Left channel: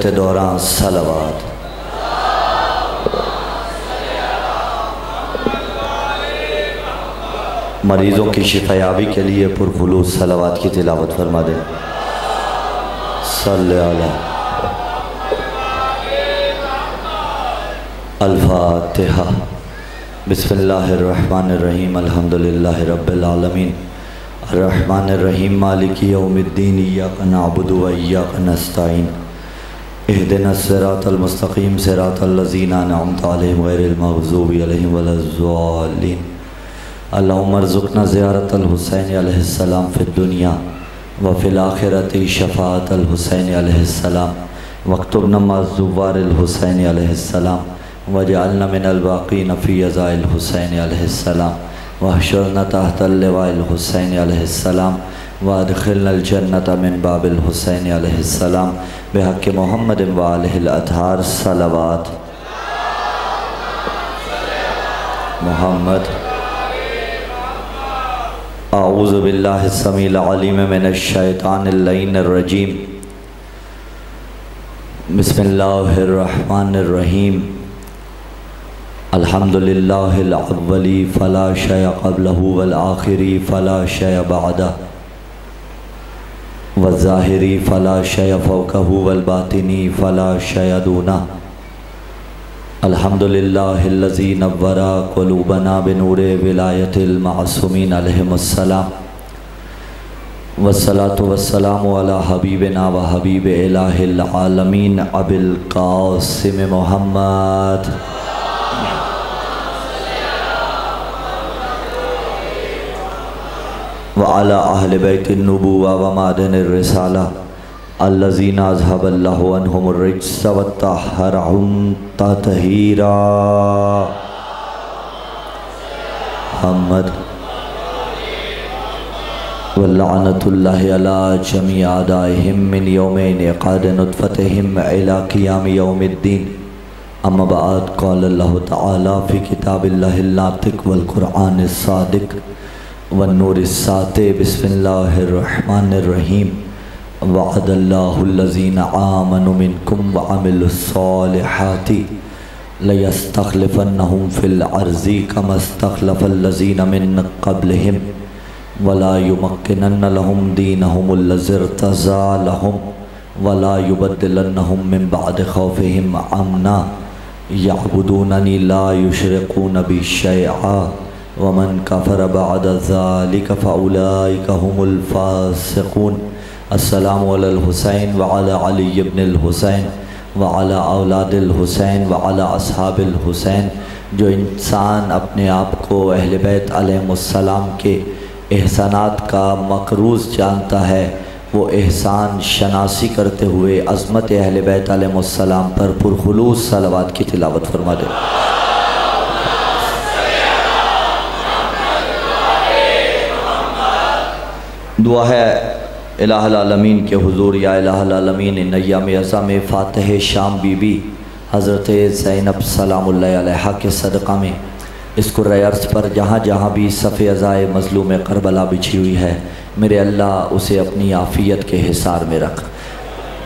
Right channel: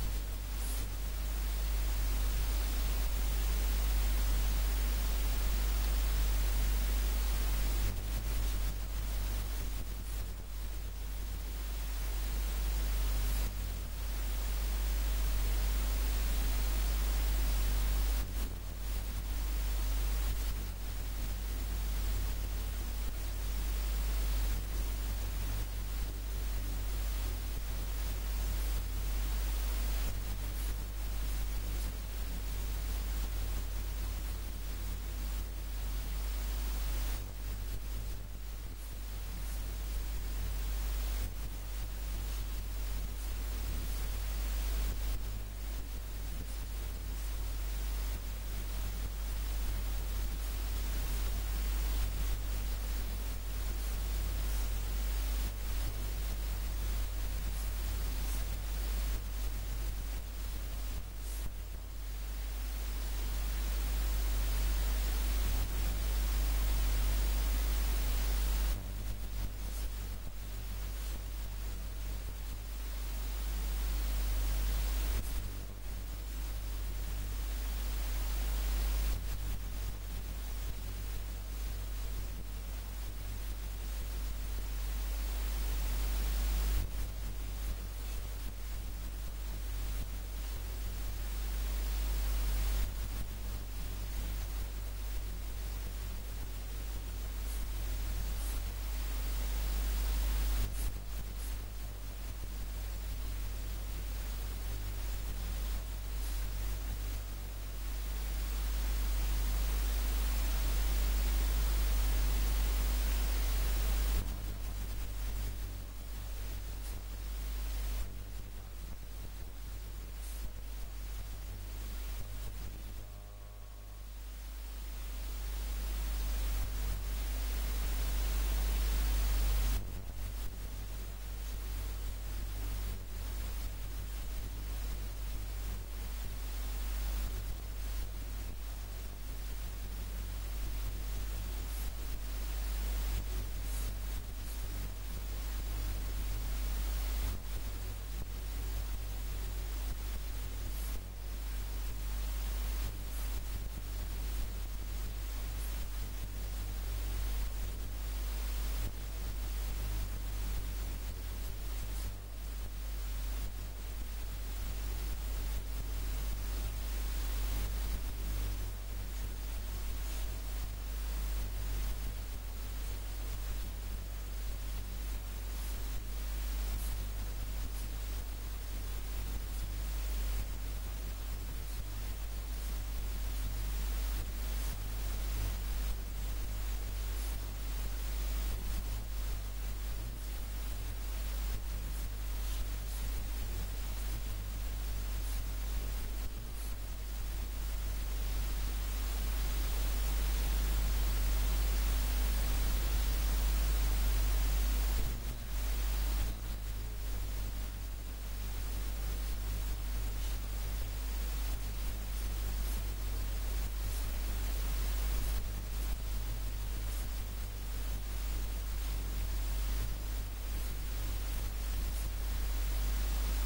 इबादत दौरान सलावत। मरीज़ों की शिफायाबी के लिए पुरखुलूस सलावत की तिलावत फरमा दें। सल्ले अला अल-फातिहा। बिस्मिल्लाहिर्रहमानिर्रहीम। अल्हम्दुलिल्लाहि रब्बिल आलमीन अर्रहमानिर्रहीम मालिकी यौमिद्दीन इय्याका नअबुदु व इय्याका नस्तईन इहदिनस सिरातल मुस्तक़ीम सिरातल लज़ीना अनअमता अलैहिम गैरिल मग़ज़ूबि अलैहिम वलज़्ज़ालिन। अल्लाहुम्मा अर्ज़ुक़ना ज़ियारतल हुसैन अलैहिस्सलाम फ़िद दुनिया व फ़िल आख़िरति शफ़ाअतल हुसैन अलैहिस्सलाम वक्तुबना मअज़्ज़ुवारिल हुसैन अलैहिस्सलाम वजअलना मिनल बाक़ीन फ़ी अज़ाइल हुसैन अलैहिस्सलाम वहशुरना तहतल लिवाइल हुसैन अलैहिस्सलाम वअदखिलनल जन्नत मिन बाबिल हुसैन अलैहिस्सलाम बिहक़्क़ि मुहम्मद व आलिहिल अतहार सलावत। मुहम्मद। आऊज़ु बिल्लाहि समील अलीम मिनश शैतानिर लईनिर रजीम। बिस्मिल्लाहिर रहमानिर रहीम। अल्हम्दुलिल्लाहिल अव्वली फ़ला शय क़ब्लहु वल आख़िरी फ़ला शय बअदहु वज़्ज़ाहिरी फ़ला शय फ़ौक़हु वल बातिनी फ़ला शय दूनहु। अल्हम्दुलिल्लाहिल्लज़ी नव्वरा क़ुलूबना बिनूरे विलायतिल मासूमीन अलैहिमुस्सलाम वस्सलातु वस्सलामु अला हबीबिना व हबीब इलाहिल आलमीन अबिल क़ासिम मुहम्मद। व अला अहले बैतिन नबुव्वा व मादनिर रिसाला अल्लज़ीना अज़हबल्लाहु अन्हुमुर रिज्स व तहहरहुम तत्हीरा। मुहम्मद। व लअनतुल्लाहि अला जमी आदाइहिम मिन यौमि इनक़ाद नुत्फ़तिहिम इला क़ियाम यौमिद्दीन। अम्मा बअद क़ाल अल्लाहु तआला फ़ी किताबिल्लाहिल नातिक़ वल क़ुरआनिस सादिक़ वन नूरिस सातिक़। बिस्मिल्लाहिर रहमानिर रहीम। वअदल्लाहुल्लज़ीना आमनु मिनकुम व अमिलुस्सालिहाति लयस्तख़लिफ़न्नहुम फ़िल अर्ज़ि कमा इस्तख़लफ़ल्लज़ीना मिन क़ब्लिहिम वला युमक्किनन्न लहुम दीनहुमुल्लज़ी इर्तज़ा लहुम वला युबद्दिलन्नहुम मिन बअदि ख़ौफ़िहिम अमना यअबुदूननी ला युशरिकून बि शैअा वमन कफ़र बअद ज़ालिका फ़उलाइका हुमुल फ़ासिक़ून। अस्सलामु अलल हुसैन व अला अली इब्निल हुसैन व अला औलादिल हुसैन व अला अस्हाबिल हुसैन। जो इंसान अपने आप को अहले बैत अलैहिमुस्सलाम के एहसानात का मक़रूज़ जानता है वो एहसान शनासी करते हुए अज़मत अहले बैत अलैहिमुस्सलाम पर पुरखुलूस सलावत की तिलावत फरमा दे। दुआ है इलाहुल आलमीन के हुज़ूर या इलाहुल आलमीन इन अय्याम अज़म फ़ातिह शाम बीबी हज़रत ज़ैनब सलामुल्लाहि अलैहा के सदक़ा में इस कुर्रे अर्ज़ पर जहाँ जहाँ भी सफ़े अज़ाए मज़लूम करबला बिछी हुई है मेरे अल्लाह उसे अपनी आफ़ियत के हिसार में रख।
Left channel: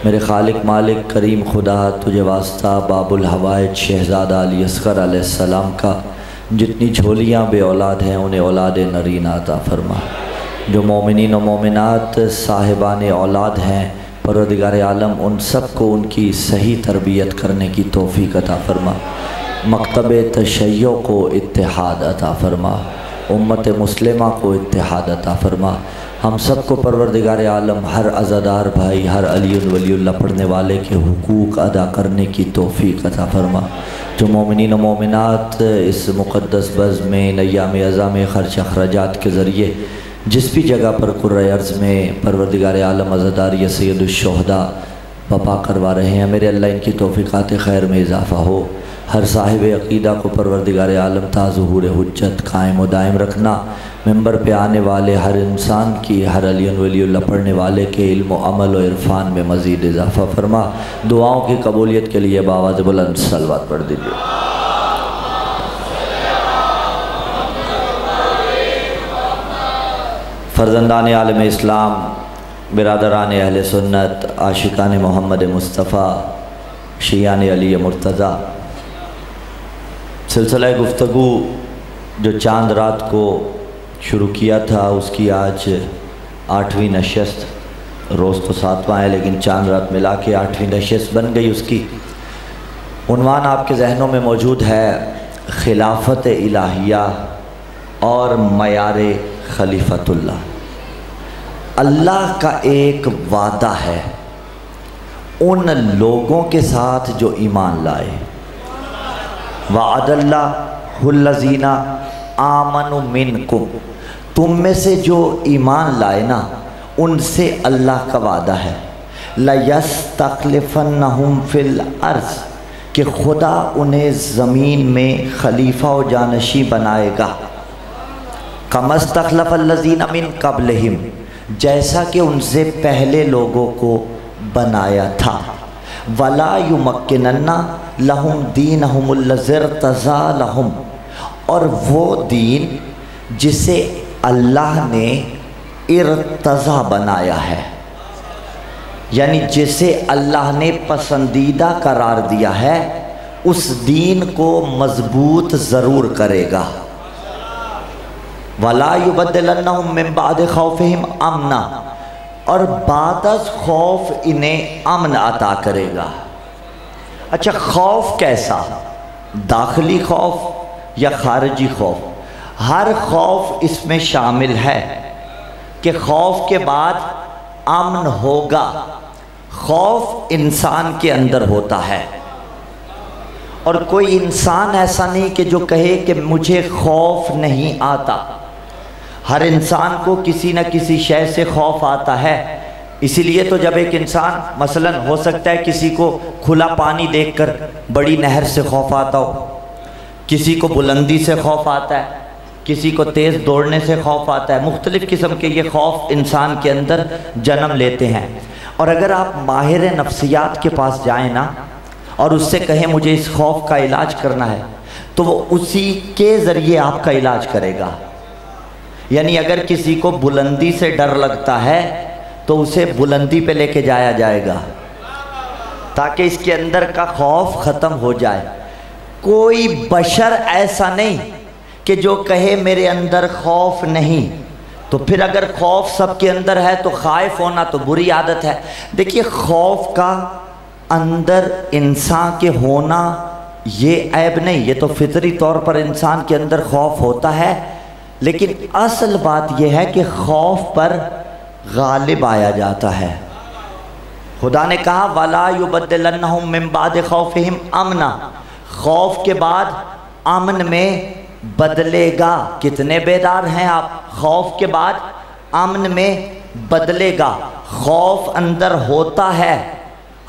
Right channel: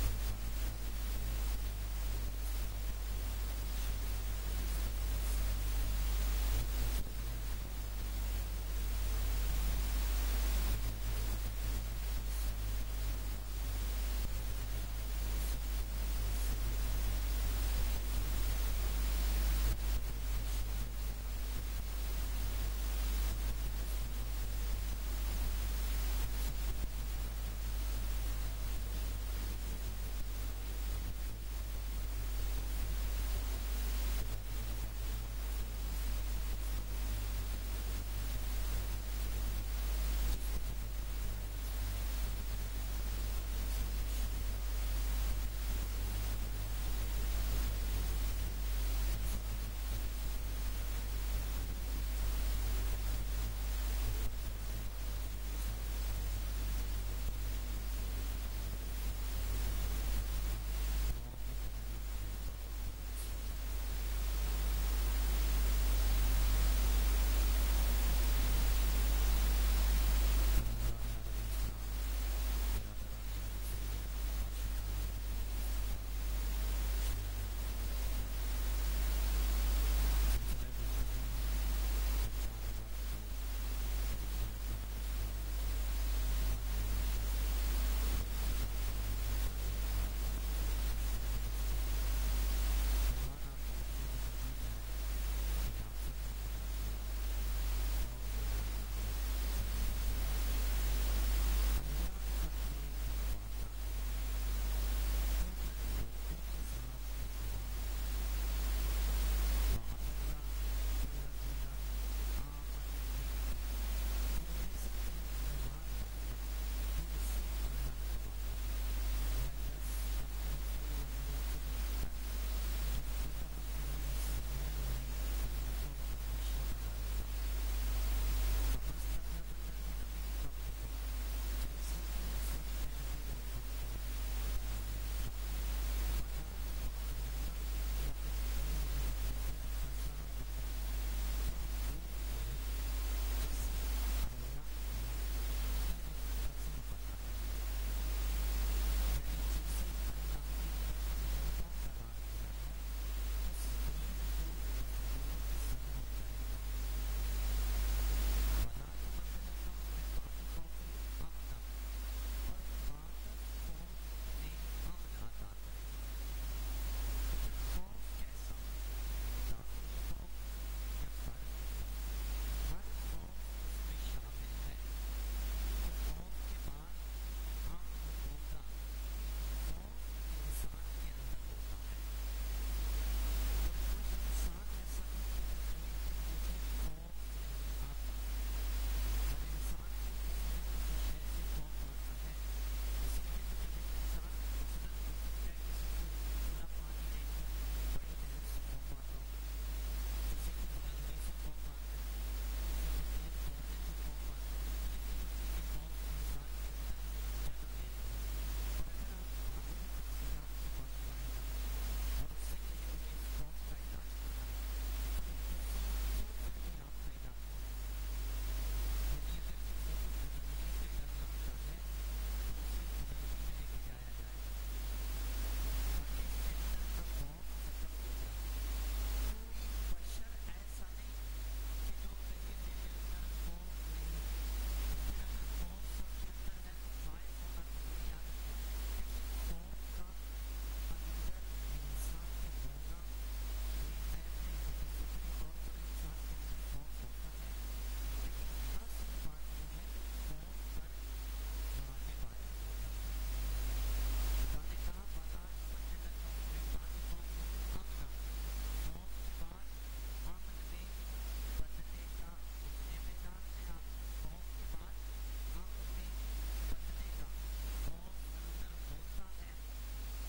मेरे खालिक मालिक करीम खुदा तुझे वास्ता बाबुल हवाइज शहज़ादा अली असग़र अलैहिस्सलाम का जितनी झोलियाँ बे औलाद हैं उन्हें औलाद नरीना अता फरमा। जो मोमिनीन व मोमिनात साहिबान औलाद हैं परवरदिगार आलम उन सब को उनकी सही तरबियत करने की तौफ़ीक़ अता फरमा। मकतब तशय्यो को इत्तिहाद अता फरमा। उम्मत मुस्लिमा को इत्तिहाद अता फरमा। हम सब को परवरदिगार आलम हर अज़ादार भाई हर अलीउल वलीउल्लाह पढ़ने वाले के हुकूक अदा करने की तौफ़ीक़ अता फरमा। जो मोमिनीन व मोमिनात इस मुक़द्दस बज़्म में अय्याम अज़म ख़र्च अखराजात के ज़रिए जिस भी जगह पर कुर्रे अर्ज़ में परवरदिगार आलम अज़ादार या सय्यदुश्शुहदा बपा करवा रहे हैं मेरे अल्लाह इनकी तौफ़ीक़ात खैर में इजाफ़ा हो। हर साहिब अक़ीदा को परवरदिगार आलम ता ज़ुहूर हुज्जत कायम व दायम रखना। मिंबर पे आने वाले हर इंसान की हर अलीउल वलीउल्लाह पढ़ने वाले के इल्म व अमल व इरफ़ान में मज़ीद इजाफ़ा फरमा। दुआओं की कबूलियत के लिए बावाज़ बुलंद सलवात पढ़ दीजिए। फ़र्ज़ंदान आलम इस्लाम बिरादरान अहले सुन्नत आशिकान मोहम्मद मुस्तफ़ा शियान अली मुर्तज़ा। सिलसिला गुफ्तगू जो चांद रात को शुरू किया था उसकी आज 8वीं नशस्त, रोज़ तो 7वां है लेकिन चांद रात मिला के 8वीं नशस्त बन गई। उसकी उन्वान आपके जहनों में मौजूद है, खिलाफत इलाहिया और मयार खलीफतुल्लाह। अल्लाह का एक वादा है उन लोगों के साथ जो ईमान लाए। वअदल्लाहुल्लज़ीना आमनु मिनकुम, तुम में से जो ईमान लाए ना उनसे अल्लाह का वादा है। लयस्तख्लिफन्नहुम फिल अर्ज़, कि खुदा उन्हें ज़मीन में खलीफा व जानशी बनाएगा। कमस्तख्लफ़ल्लज़ीना मिन क़ब्लिहिम, जैसा कि उनसे पहले लोगों को बनाया था। वला युमक्किनन्ना लहुम दीनहुमुल्लज़ी इर्तज़ा लहुम, और वो दीन जिसे अल्लाह ने इर्तज़ा बनाया है, यानी जिसे अल्लाह ने पसंदीदा करार दिया है, उस दीन को मजबूत ज़रूर करेगा। वला युबद्दिलन्नहुम मिन बादि खौफिहिम अमना, और बादस खौफ इन्हें अमन अता करेगा। अच्छा, खौफ कैसा? दाखिली खौफ या खारजी खौफ? हर खौफ इसमें शामिल है कि खौफ के बाद अमन होगा। खौफ इंसान के अंदर होता है, और कोई इंसान ऐसा नहीं कि जो कहे कि मुझे खौफ नहीं आता। हर इंसान को किसी न किसी शय से खौफ आता है। इसीलिए तो जब एक इंसान, मसलन हो सकता है किसी को खुला पानी देखकर बड़ी नहर से खौफ आता हो, किसी को बुलंदी से खौफ आता है, किसी को तेज़ दौड़ने से खौफ आता है। मुख्तलिफ़ किस्म के ये खौफ इंसान के अंदर जन्म लेते हैं। और अगर आप माहिर नफ्सियात के पास जाएं ना और उससे कहें मुझे इस खौफ का इलाज करना है, तो वो उसी के ज़रिए आपका इलाज करेगा। यानी अगर किसी को बुलंदी से डर लगता है तो उसे बुलंदी पे लेके जाया जाएगा ताकि इसके अंदर का खौफ ख़त्म हो जाए। कोई बशर ऐसा नहीं कि जो कहे मेरे अंदर खौफ नहीं। तो फिर अगर खौफ सबके अंदर है तो खाइफ होना तो बुरी आदत है। देखिए, खौफ का अंदर इंसान के होना ये ऐब नहीं, ये तो फितरी तौर पर इंसान के अंदर खौफ होता है। लेकिन असल बात यह है कि खौफ पर गालिब आया जाता है। खुदा ने कहा वला युबद्दिलन्नहुम मिन बादि खौफिहिम अमना, खौफ के बाद अमन में बदलेगा। कितने बेदार हैं आप? खौफ के बाद अमन में बदलेगा। खौफ अंदर होता है,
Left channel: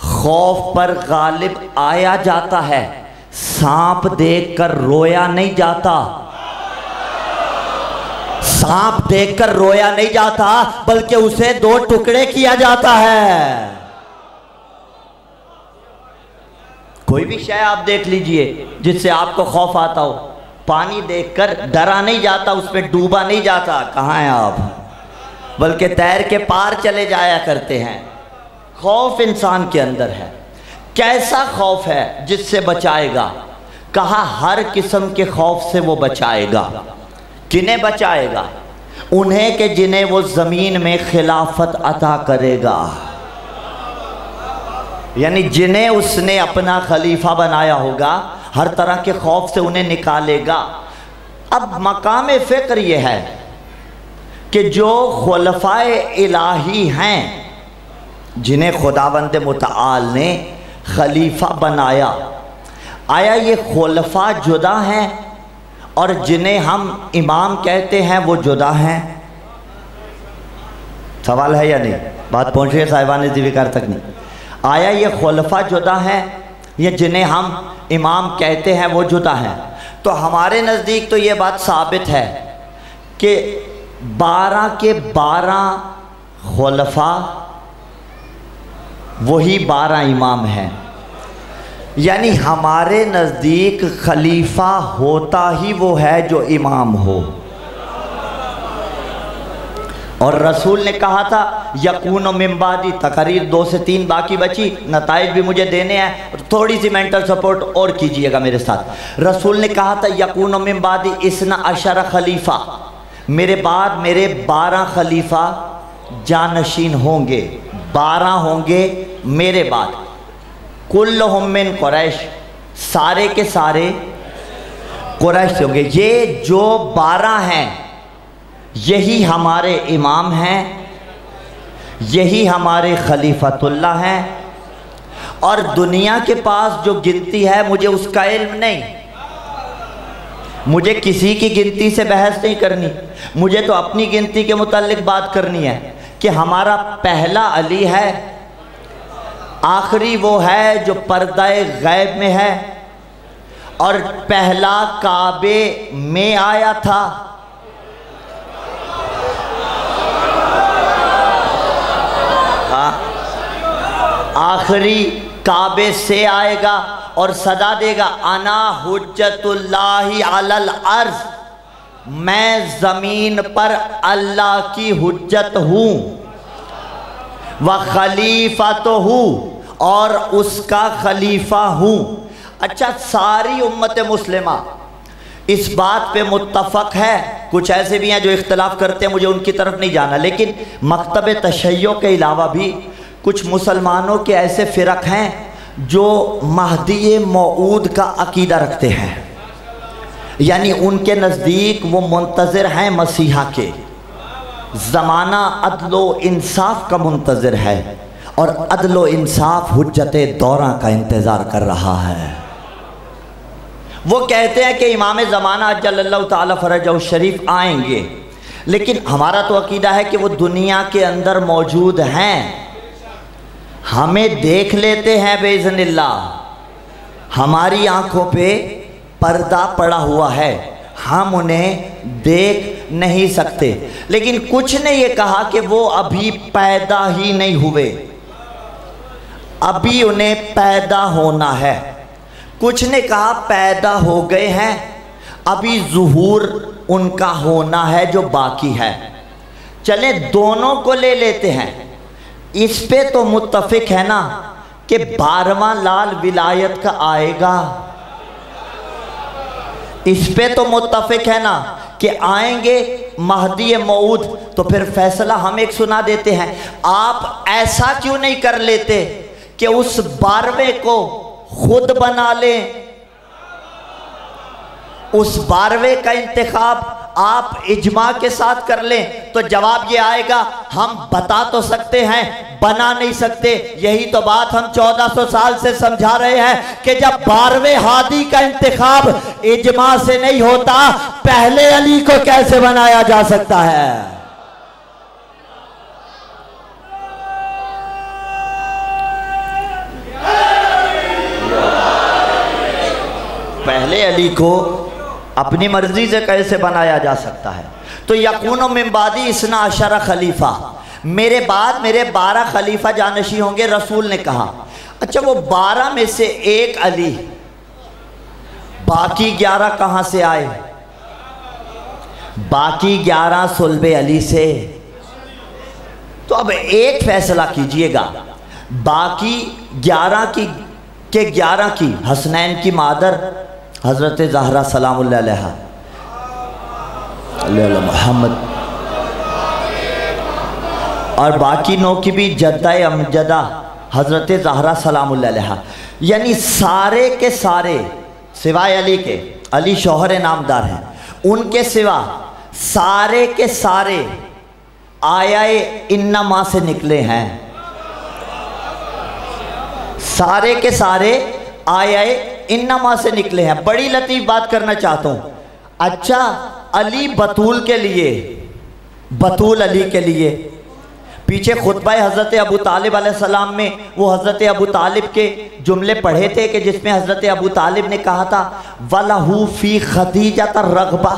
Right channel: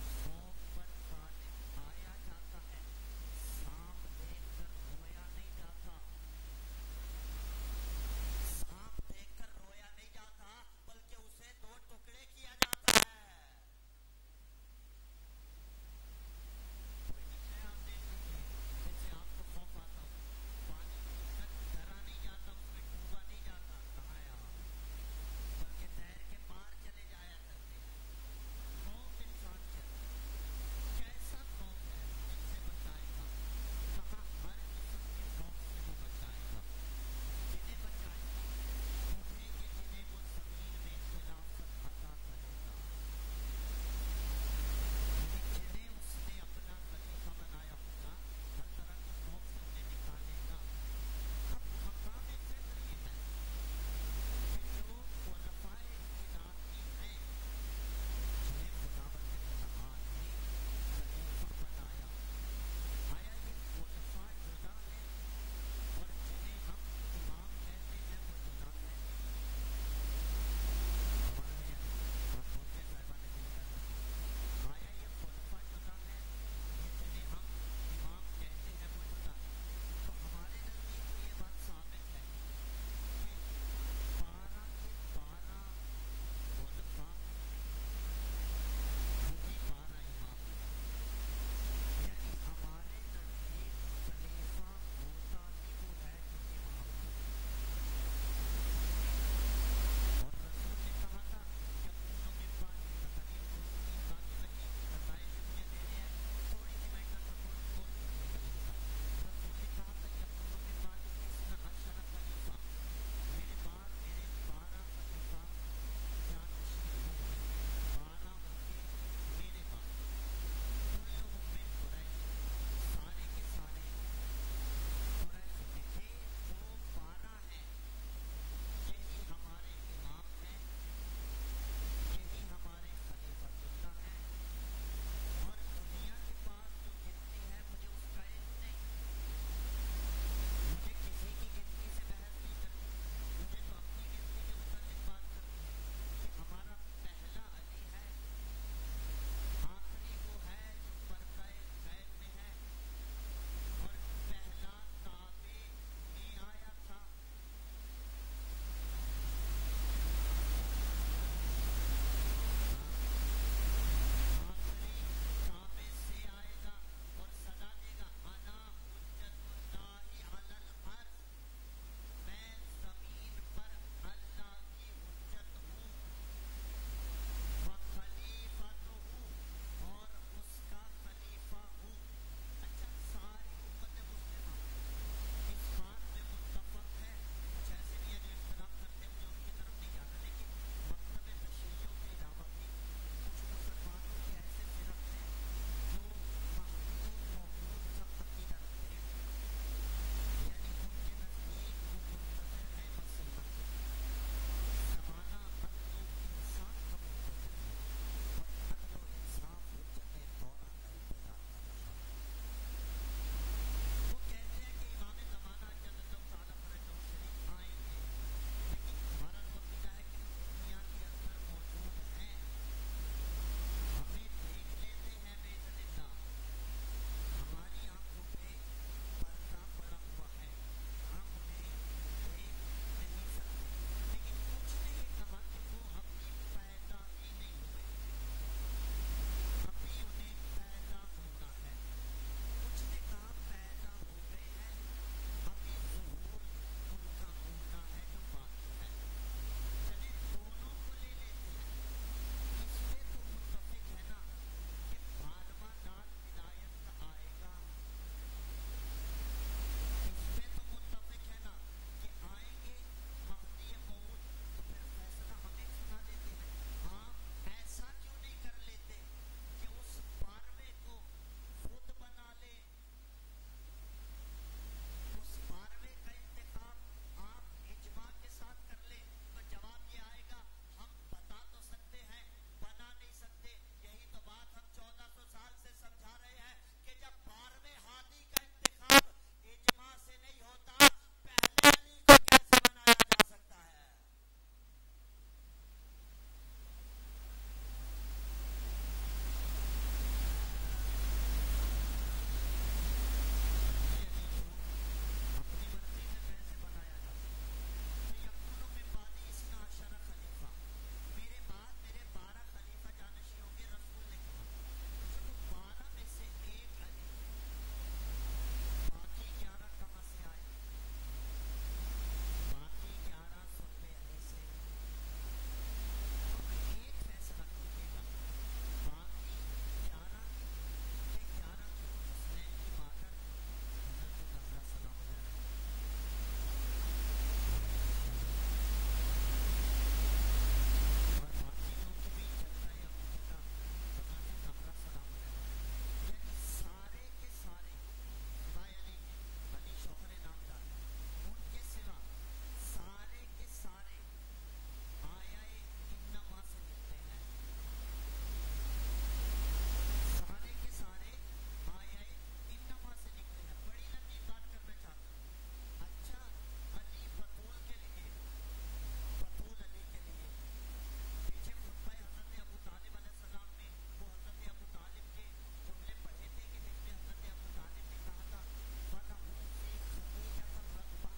खौफ पर गालिब आया जाता है। सांप देखकर रोया नहीं जाता, सांप देखकर रोया नहीं जाता, बल्कि उसे 2 टुकड़े किया जाता है। कोई भी शय आप देख लीजिए जिससे आपको खौफ आता हो, पानी देखकर डरा नहीं जाता, उसमें डूबा नहीं जाता। कहाँ हैं आप? बल्कि तैर के पार चले जाया करते हैं। खौफ इंसान के अंदर है। कैसा खौफ है जिससे बचाएगा? कहा हर किस्म के खौफ से वो बचाएगा। किन्हें बचाएगा? उन्हें कि जिन्हें वो ज़मीन में खिलाफत अता करेगा, यानी जिन्हें उसने अपना खलीफा बनाया होगा, हर तरह के खौफ से उन्हें निकालेगा। अब मकाम फ़िक्र ये है कि जो खुलफाए इलाही हैं, जिन्हें खुदावंद मुतआल ने खलीफा बनाया, आया ये खुलफा जुदा हैं और जिन्हें हम इमाम कहते हैं वो जुदा हैं? सवाल है या नहीं? बात पहुँच रही है साहिबान ज़िक्र तक नहीं? आया ये खुलफा जुदा हैं या जिन्हें हम इमाम कहते हैं वो जुदा हैं? तो हमारे नज़दीक तो ये बात साबित है कि 12 के 12 खुलफा वही 12 इमाम हैं। यानी हमारे नज़दीक खलीफा होता ही वो है जो इमाम हो। और रसूल ने कहा था यकून मिन बादी, तकरीर 2 से 3 बाकी बची, नताइज भी मुझे देने हैं, थोड़ी सी मेंटल सपोर्ट और कीजिएगा मेरे साथ। रसूल ने कहा था यकून मिन बादी इसना अशर खलीफा, मेरे बाद मेरे 12 खलीफा जानशीन होंगे, 12 होंगे मेरे बाद। कुल्लुहुम मिन कुरैश, सारे के सारे कुरैश से होंगे। ये जो 12 हैं यही हमारे इमाम हैं, यही हमारे खलीफतुल्ला हैं। और दुनिया के पास जो गिनती है मुझे उसका इल्म नहीं, मुझे किसी की गिनती से बहस नहीं करनी, मुझे तो अपनी गिनती के मुतालिक बात करनी है कि हमारा पहला अली है, आखिरी वो है जो पर्दाए गैब में है, और पहला काबे में आया था, आखिरी काबे से आएगा और सदा देगा अना हुज्जतुल्लाहि अलल अर्ज़, मैं ज़मीन पर अल्लाह की हुज्जत हूँ, व खलीफतहू, और उसका खलीफा हूँ। अच्छा, सारी उम्मत मुस्लिमा इस बात पे मुत्तफ़क़ है, कुछ ऐसे भी हैं जो इख्तिलाफ़ करते हैं, मुझे उनकी तरफ नहीं जाना, लेकिन मकतब तशय्यो के अलावा भी कुछ मुसलमानों के ऐसे फ़िरक़ हैं जो महदी मौऊद का अक़ीदा रखते हैं, यानी उनके नज़दीक वो मुंतज़िर हैं मसीहा के, ज़माना अदलो इंसाफ का मुंतज़िर है, और अदलो इंसाफ हुज्जते दौरा का इंतज़ार कर रहा है। वो कहते हैं कि इमाम ज़माना अज्जलल्लाहु ताला फ़रजहु शरीफ आएंगे, लेकिन हमारा तो अक़ीदा है कि वो दुनिया के अंदर मौजूद हैं, हमें देख लेते हैं बेइज़्निल्लाह, हमारी आंखों पे पर्दा पड़ा हुआ है, हम उन्हें देख नहीं सकते। लेकिन कुछ ने ये कहा कि वो अभी पैदा ही नहीं हुए, अभी उन्हें पैदा होना है। कुछ ने कहा पैदा हो गए हैं, अभी ज़ुहूर उनका होना है जो बाकी है। चले दोनों को ले लेते हैं। इस पे तो मुत्तफ़िक है ना कि 12वां लाल विलायत का आएगा, इस पे तो मुत्तफ़िक है ना कि आएंगे महदी मऊद। तो फिर फैसला हम एक सुना देते हैं, आप ऐसा क्यों नहीं कर लेते कि उस 12वें को खुद बना लें, उस 12वें का इंतखाब आप इजमा के साथ कर लें। तो जवाब ये आएगा, हम बता तो सकते हैं, बना नहीं सकते। यही तो बात हम 1400 साल से समझा रहे हैं कि जब 12वें हादी का इंतखाब इजमा से नहीं होता, पहले अली को कैसे बनाया जा सकता है। पहले अली को अपनी मर्जी से कैसे बनाया जा सकता है। तो यकून मिन बादी इसना अशरा खलीफा, मेरे बाद मेरे 12 खलीफा जानशी होंगे, रसूल ने कहा। अच्छा, वो 12 में से एक अली, बाकी 11 कहां से आए? बाकी 11 सुल्बे अली से। तो अब एक फैसला कीजिएगा, बाकी 11 की के 11 की हसनैन की मादर हज़रत ज़हरा सलामुल्लाह अलैहा मोहम्मद, और बाकी 9 की भी जद्दा अमजदा हज़रत ज़हरा सलामुल्लाह अलैहा, यानी सारे के सारे सिवाय अली के, अली शौहर नामदार हैं, उनके सिवा सारे के सारे आयाए इन्नमा से निकले हैं, सारे के सारे आयाए इन्नमा से निकले हैं। बड़ी लतीफ़ बात करना चाहता हूँ। अच्छा, अली बतूल के लिए, बतूल अली के लिए पीछे खुतबा हज़रत अबू तालिब अलैहिस्सलाम में वो हज़रत अबू तालिब के जुमले पढ़े थे कि जिसमें हज़रत अबू तालिब ने कहा था वलहू फ़ी खदीजा रग़बा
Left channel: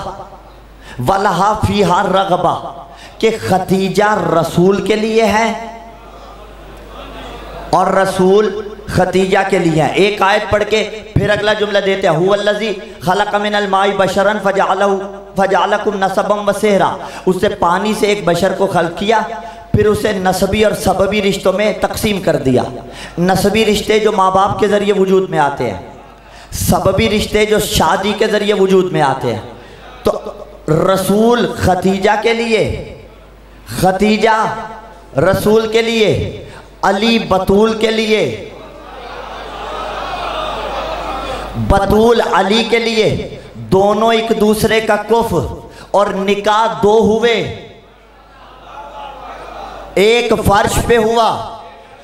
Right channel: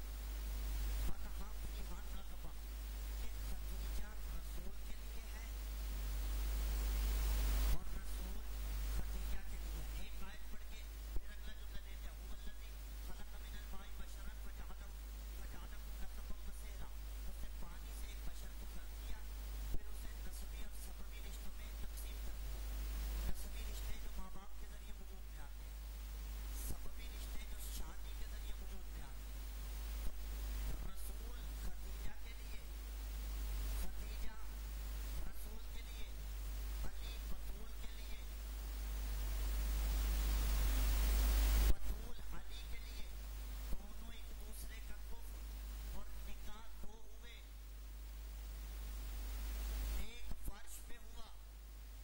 वलहा फ़ीहा रग़बा, कि खदीजा रसूल के लिए है और रसूल खदीजा के लिए है। एक आयत पढ़ के फिर अगला जुमला देते हैं, हुवल्लज़ी खलक़ मिनल माई बशरन फजअलहू फजालकुम नसबम व सेहरा, उससे पानी से एक बशर को खल्क किया, फिर उसे नसबी और सबबी रिश्तों में तकसीम कर दिया। नसबी रिश्ते जो माँ बाप के ज़रिए वजूद में आते हैं, सबबी रिश्ते जो शादी के ज़रिए वजूद में आते हैं। तो रसूल खतीजा के लिए, खतीजा रसूल के लिए, अली बतूल के लिए, बतूल अली के लिए, दोनों एक दूसरे का कुफ और निकाह दो हुए, एक फर्श पे हुआ,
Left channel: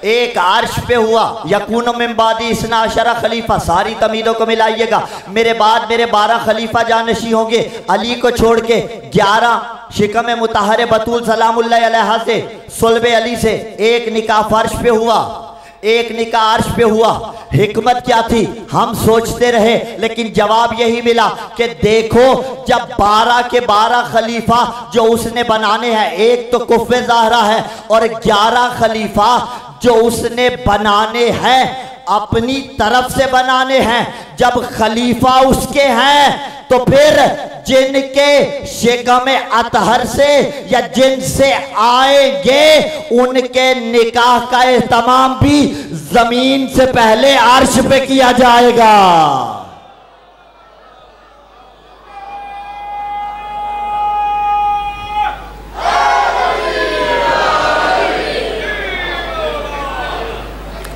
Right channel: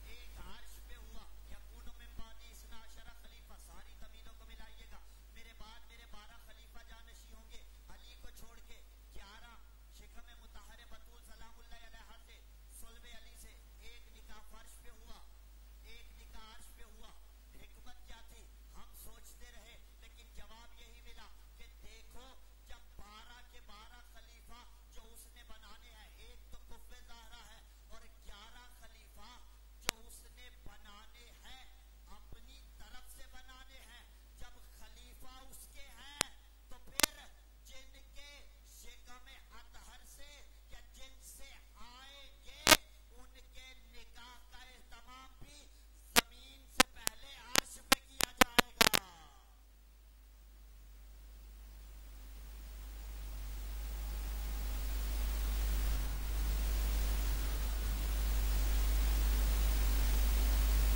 एक अर्श पे हुआ। यकून मिन बादी इस्ना अशरा खलीफा, सारी तमीदों को मिलाइएगा, मेरे बाद मेरे 12 खलीफा जानशी होंगे। अली को छोड़ के 11 शिकम मुतहर बतूल सलामुल्लाह अलैहा से, सुल्बे अली से एक निकाह फर्श पे हुआ, एक निकाह अर्श पे हुआ। हिकमत क्या थी हम सोचते रहे, लेकिन जवाब यही मिला कि देखो जब 12 के 12 खलीफा जो उसने बनाने हैं, एक तो कुफ़े ज़हरा है और 11 खलीफा जो उसने बनाने हैं अपनी तरफ से बनाने हैं। जब खलीफा उसके हैं तो फिर जिनके शिकम अतहर से या जिनसे आएंगे उनके निकाह का एहतमाम भी जमीन से पहले अर्श पे किया जाएगा।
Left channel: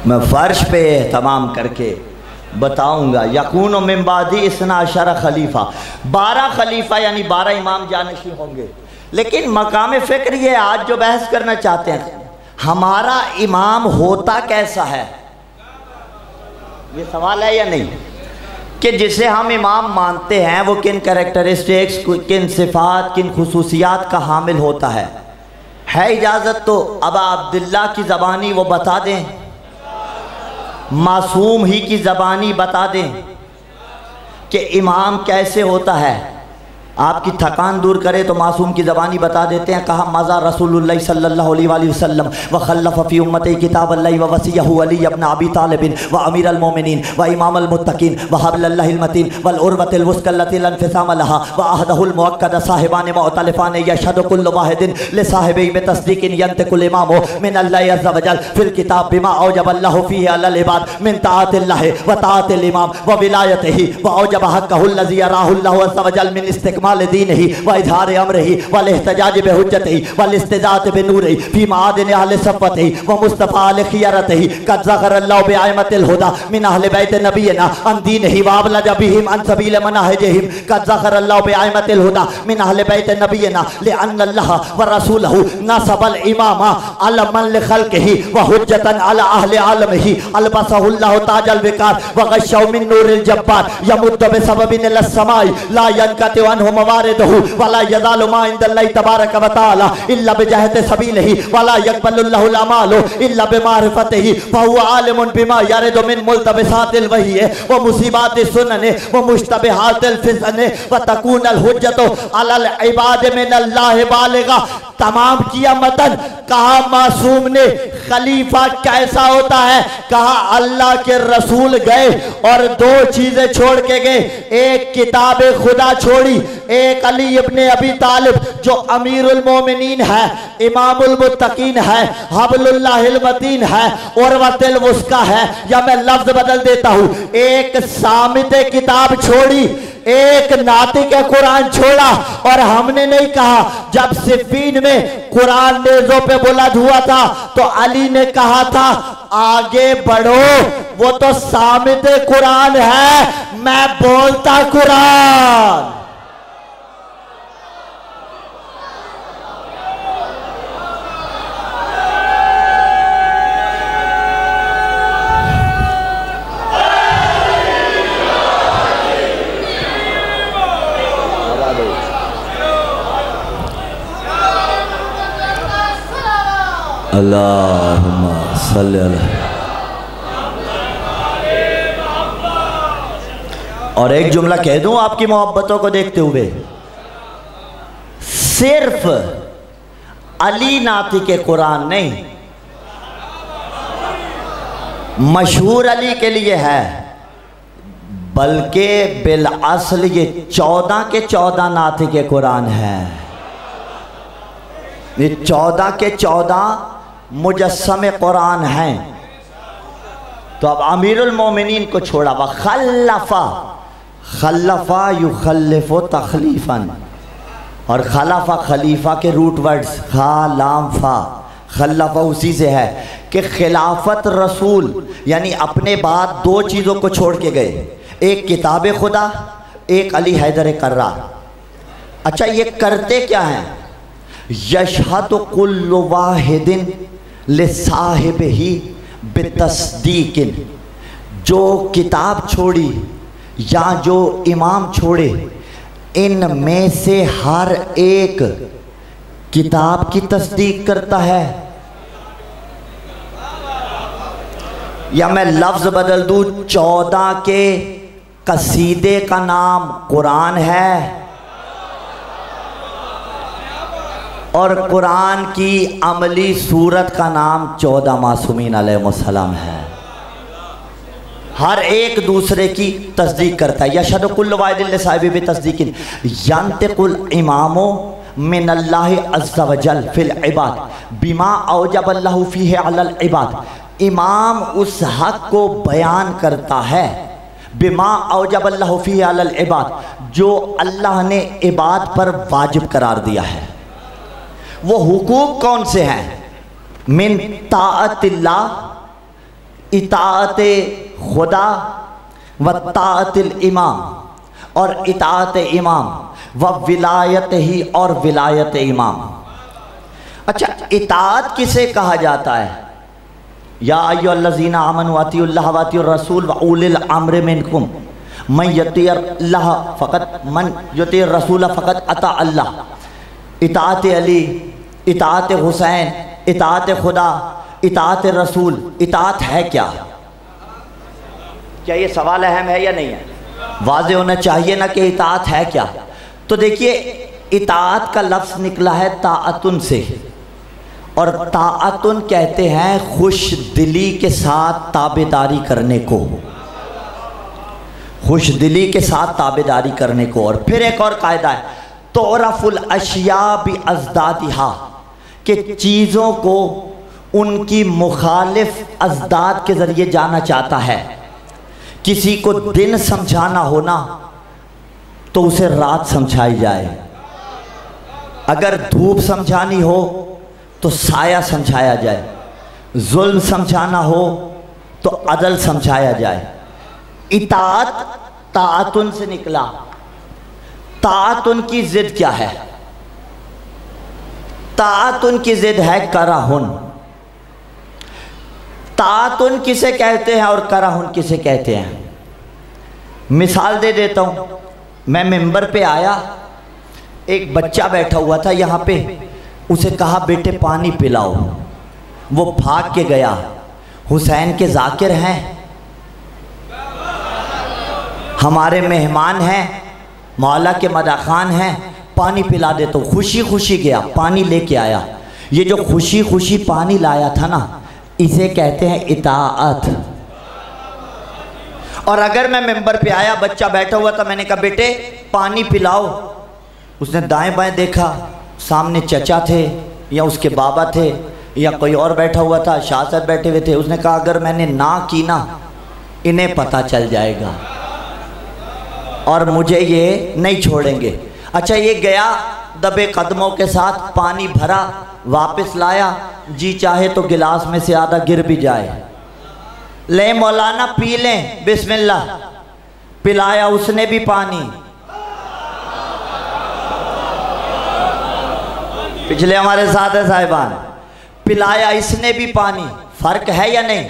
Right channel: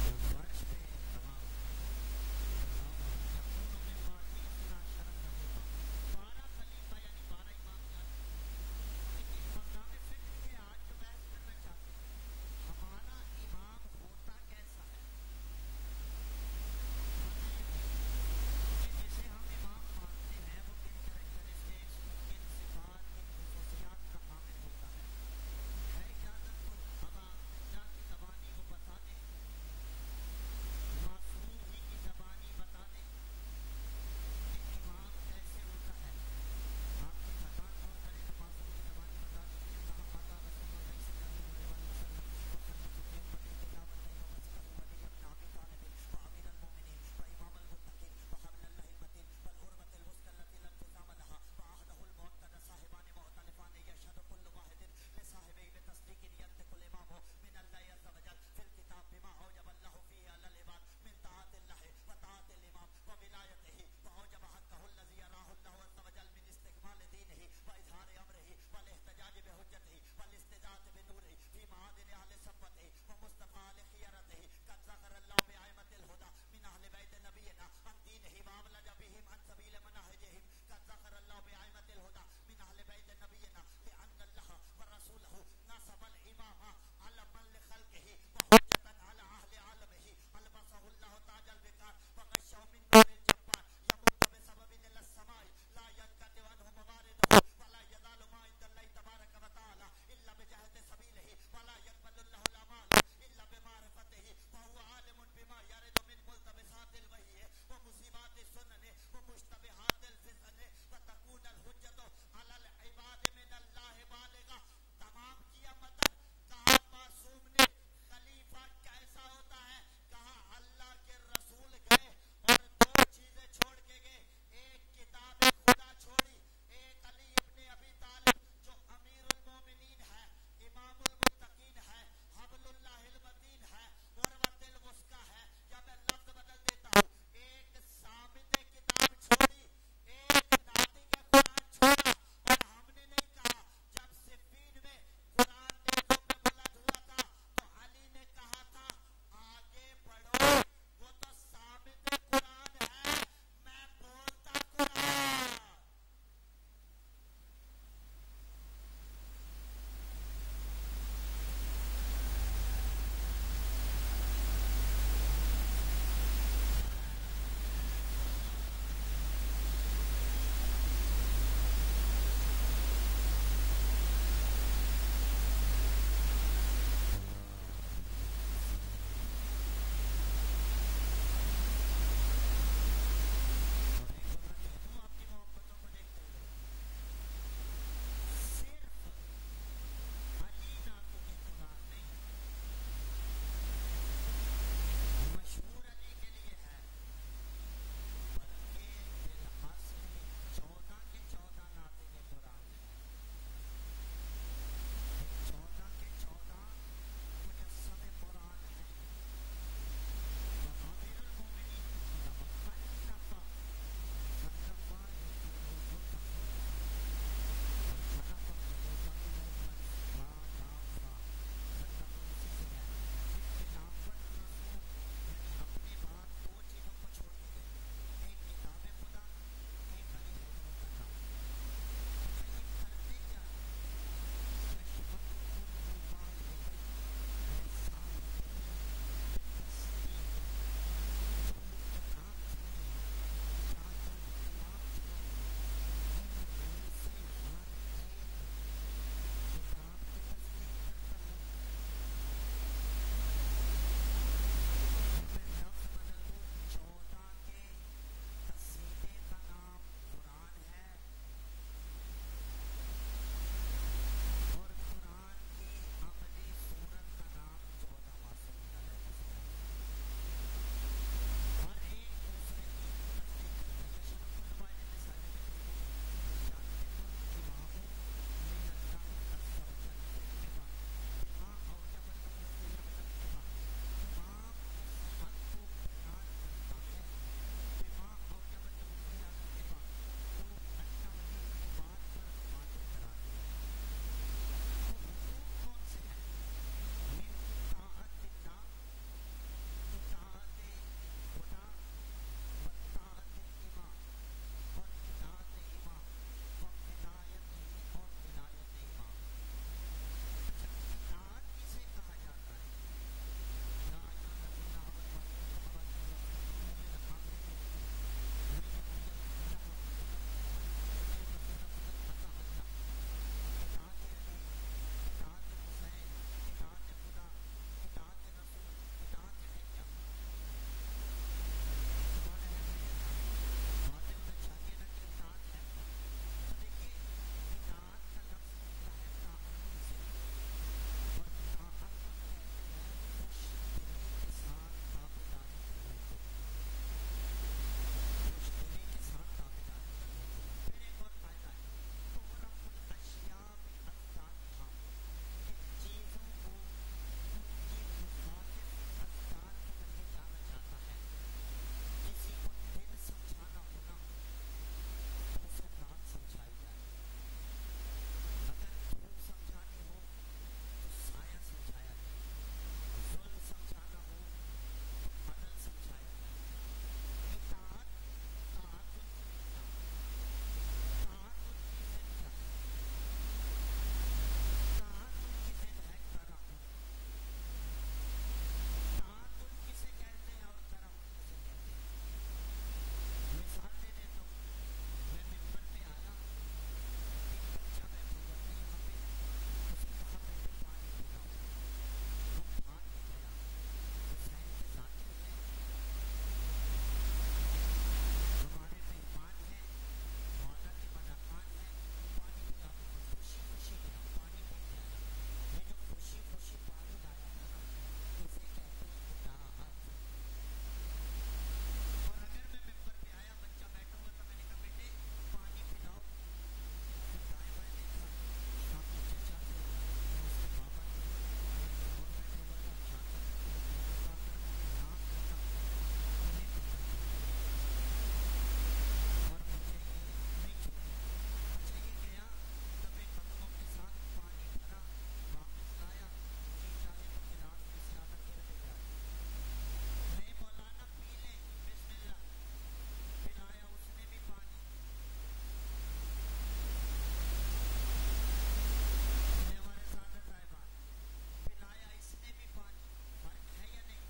मैं फर्श पे तमाम करके बताऊंगा। यकून मिन बादी इस्ना अशरा खलीफा, 12 खलीफा यानी 12 इमाम जानशी होंगे। लेकिन मकाम फ़िक्र ये आज जो बहस करना चाहते हैं, हमारा इमाम होता कैसा है, ये सवाल है या नहीं, कि जिसे हम इमाम मानते हैं वो किन कैरेक्टरिस्टिक्स, किन सिफात, किन खुसूसियात का हामिल होता है इजाज़त तो अबा अब्दुल्ला की ज़बानी वो बता दें, मासूम ही की ज़बानी बता दें कि इमाम कैसे होता है। आपकी थकान दूर करे तो मासूम की ज़बानी बता देते हैं। कहा मज़ा रसूलुल्लाह सल्लल्लाहु अलैहि वसल्लम व खल्लफ़ फ़ी उम्मती किताबल्लाहि व वसियहु अली इब्न अबी तालिब व अमीरुल मोमिनीन व इमामुल मुत्तकीन व हब्लुल्लाहिल मतीन वल उर्वतुल वुस्क़ा लती ला इंफ़िसाम लहा व अहदहुल मुअक्कद साहिबान मुअतलिफ़ान यशहदु कुल्लु वाहिदिन लिसाहिबिही बितस्दीक़िन यंतिकुल इमामु मिनल्लाहि अज़्ज़ा व जल फ़िल किताब बिमा औजबल्लाहु फ़ीही अलल इबाद मिन ताअतिल्लाहि व ताअतिल इमाम व विलायतिही व औजब हक़्क़हुल लज़ी यराहुल्लाहु अज़्ज़ा व जल मिन इस्तिक़माल दीनिही व इज़हार अमरिही वल इहतिजाज बिहुज्जतिही वल इस्तिज़ात बिनूरिही फी मादिन अहले सफ़्वतिही व मुस्तफ़ा अल खियरतिही क़द ज़करल्लाहु बिअइमतिल हुदा मिन अहले बैत नबियना अन दीनिही व अबलज बिहिम अन सबील मनाहिजिहिम क़द ज़करल्लाहु बिअइमतिल हुदा मिन अहले बैत नबियना लिअन्न अल्लाह व रसूलहु नसबल इमामा अला मन लिखल्क़िही व हुज्जतन अला अहले आलमिही अलबसहुल्लाहु ताजल विकार व गश्शहु मिन नूरिल जब्बार यमुद्दु बिसबबिन इलस समाई ला यनक़ति अन्हु मवारिदहु वला यज़ालु मा इंदल्लाहि तबारक व तआला इल्ला बिजहति सबीलिही वला यक़बलुल्लाहुल अमालु इल्ला बिमारिफतिही फहुवा आलिमुन बिमा यरिदु मिन मुल्तबिसातिल वही व मुसीबातिस सुनन व मुश्तबिहातिल फिज़न व तकूनल हुज्जतु अलल इबाद मिनल्लाहि बालिगा। तमाम किया मतन। कहा मासूम ने खलीफा कैसा होता है, कहा अल्लाह के रसूल गए और 2 चीजें छोड़ के गए, एक किताब खुदा छोड़ी, एक अली इब्ने अबी तालिब जो अमीरुल मोमिनीन है, इमामुल मुत्तकीन है, हब्लुल्लाहिल मतीन है, उर्वतुल वुस्का है, या मैं लफ्ज बदल देता हूं, एक सामित किताब छोड़ी, एक नातिक कुरान छोड़ा। और हमने नहीं कहा, जब सिफ़ीन में कुरान नेज़ों पे बुलंद हुआ था तो अली ने कहा था आगे बढ़ो, वो तो सामित कुरान है, मैं बोलता कुरान। अल्लाहुम्मा सल्ली अलैहि। और एक जुमला कह दूं आपकी मोहब्बतों को देखते हुए, सिर्फ अली नाती के कुरान नहीं, मशहूर अली के लिए है, बल्कि बिल असल ये 14 के 14 नात के कुरान है। ये 14 के 14 मुजस्सम कुरान हैं। तो अब अमीरुल मोमिनीन को छोड़ा, वह खल्लफा, खल्लफा युखल्लिफु तखलीफन, और खलाफा खलीफा के रूट वर्ड्स खा लाम फा, खल्लफा उसी से है कि खिलाफत रसूल, यानी अपने बाद दो चीज़ों को छोड़ के गए, एक किताब खुदा, एक अली हैदर कर्रार। अच्छा, ये करते क्या हैं? यशहदु कुल्लु वाहिदिन लिसाहिबिही बितस्दीकिन, जो किताब छोड़ी या जो इमाम छोड़े, इनमें से हर एक किताब की तस्दीक करता है। या मैं लफ्ज़ बदल दूँ, 14 के कसीदे का नाम कुरान है और कुरान की अमली सूरत का नाम 14 मासूमीन अलैहिमुस्सलाम है। हर एक दूसरे की तस्दीक करता है। यशहदु कुल्लु वाहिदिन लिसाहिबिही बितस्दीकिन यंतिकुल इमामो मिनल्लाहि अज़्ज़ा वजल फिल इबाद बिमा औजबल्लाहु फीहि अलल इबाद। इमाम उस हक को बयान करता है, बिमा औजबल्लाहु फीहि अलल इबाद, जो अल्लाह ने इबाद पर वाजिब करार दिया है। वो हुकूक कौन से हैं? मिन ताअतिल्लाह, इताअत खुदा, व ताअतिल इमाम, और इताअत इमाम, व विलायत ही, और विलायत इमाम। अच्छा, इताअत किसे कहा जाता है? या अय्युहल्लज़ीना आमनू अतीउल्लाह व अतीउर रसूल व उलिल अम्रि मिनकुम मन यतीअल्लाह फ़क़त मन यतीअर रसूल फ़क़त अता अल्लाह। इताअत अली, इताअत हुसैन, इताअत खुदा, इताअत रसूल। इताअत है क्या? क्या ये सवाल अहम है या नहीं है? वाज़े होना चाहिए ना कि इताअत है क्या। तो देखिए, इताअत का लफ्ज़ निकला है ताअतुन से, और ताअतुन कहते हैं खुश दिली के साथ ताबेदारी करने को, खुश दिली के साथ ताबेदारी करने को। और फिर एक और कायदा है, तुरफुल अशिया बि अज़दादिहा, कि चीज़ों को उनकी मुखालिफ अज़दाद के ज़रिए जाना चाहता है। किसी को दिन समझाना हो ना, तो उसे रात समझाई जाए। अगर धूप समझानी हो तो साया समझाया जाए, जुल्म समझाना हो तो अदल समझाया जाए। इताअत ताअतुन से निकला। ताअतुन की जिद क्या है? ताअतुन की जिद है कराहुन। ताअतुन किसे कहते हैं और कराहुन किसे कहते हैं? मिसाल दे देता हूँ। मैं मिंबर पे आया, एक बच्चा बैठा हुआ था यहाँ पे, उसे कहा बेटे पानी पिलाओ। वो भाग के गया। हुसैन के जाकिर हैं, हमारे मेहमान हैं, मौला के मदाखान हैं, पानी पिला दे। तो खुशी खुशी गया, पानी लेके आया। ये जो खुशी खुशी पानी लाया था ना, इसे कहते हैं इताअत। और अगर मैं मिंबर पे आया, बच्चा बैठा हुआ था, मैंने कहा बेटे पानी पिलाओ, उसने दाएं बाएं देखा, सामने चचा थे या उसके बाबा थे या कोई और बैठा हुआ था, शाह साहब बैठे हुए थे। उसने कहा अगर मैंने ना की ना, इन्हें पता चल जाएगा और मुझे ये नहीं छोड़ेंगे। अच्छा, ये गया दबे कदमों के साथ, पानी भरा, वापस लाया, जी चाहे तो गिलास में से आधा गिर भी जाए। ले मौलाना पी लें, बिस्मिल्लाह। पिलाया उसने भी पानी। पिछले हमारे साथ है साहिबान, पिलाया इसने भी पानी। फर्क है या नहीं?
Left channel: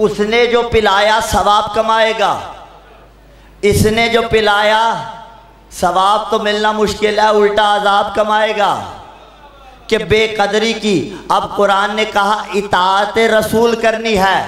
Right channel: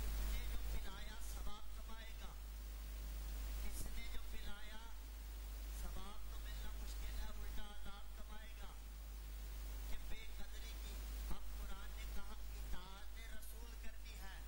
उसने जो पिलाया सवाब कमाएगा, इसने जो पिलाया सवाब तो मिलना मुश्किल है, उल्टा अजाब कमाएगा कि बेकदरी की। अब कुरान ने कहा इताअत रसूल करनी है,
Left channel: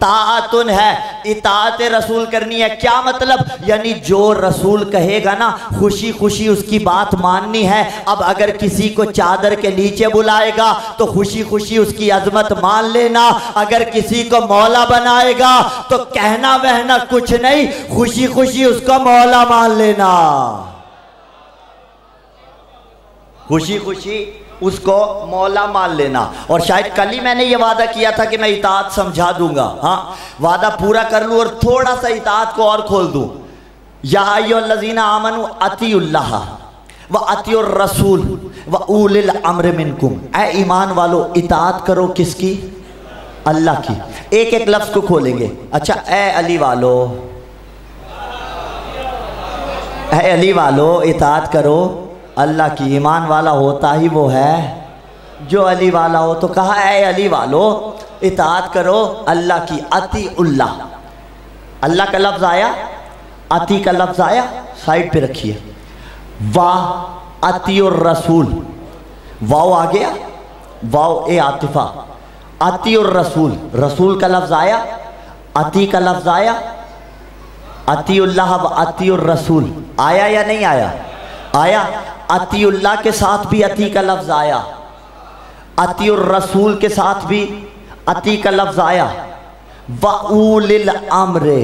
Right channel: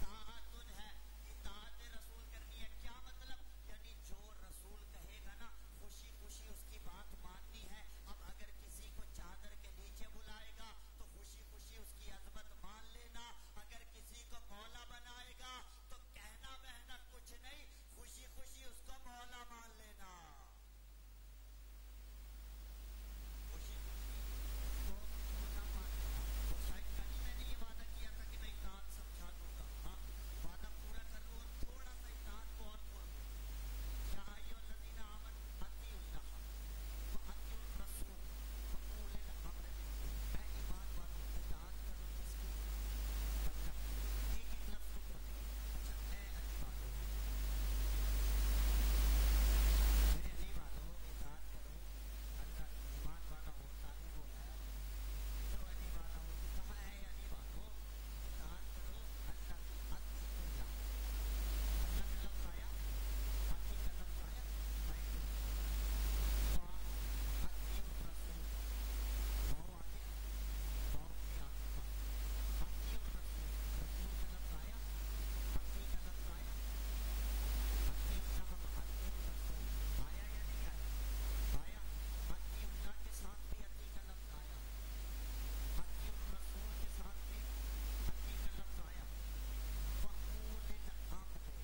ताअतुन है, इताअत रसूल करनी है। क्या मतलब? यानी जो रसूल कहेगा ना, खुशी खुशी उसकी बात माननी है। अब अगर किसी को चादर के नीचे बुलाएगा तो खुशी खुशी उसकी अजमत मान लेना। अगर किसी को मौला बनाएगा तो कहना वहना कुछ नहीं, खुशी खुशी उसको मौला मान लेना, खुशी खुशी उसको मौला मान लेना। और शायद कल ही मैंने ये वादा किया था कि मैं इताअत समझा दूंगा। हाँ, वादा पूरा कर लूँ और थोड़ा सा इताअत को और खोल दूँ। या अय्युहल्लज़ीना आमनू अतीउल्लाह व अतीउर रसूल व उलिल अम्र मिनकुम। ऐ ईमान वालो, इताअत करो किसकी? अल्लाह की। एक एक लफ्ज़ को खोलेंगे। अच्छा, ऐ अली वालो, ऐ अली वालो, इताअत करो अल्लाह की। ईमान वाला होता ही वो है जो अली वाला हो। तो कहा ऐ अली वालो, इताअत करो अल्लाह की। अतीउल्लाह, अल्लाह का लफ्ज़ आया, अती का लफ्ज़ आया, साइड पे रखिए। वाह अतीउर रसूल, वाव आ गया, वाव ए आतिफा। अतीउर रसूल, रसूल का लफ्ज़ आया, अती का लफ्ज़ आया। अतीउल्लाह व अतीउर रसूल आया या नहीं आया? आया। अतीउल्लाह के साथ भी अती का लफ्ज़ आया, अतीउर रसूल के साथ भी अती का लफ्ज़ आया। व उलिल अम्र,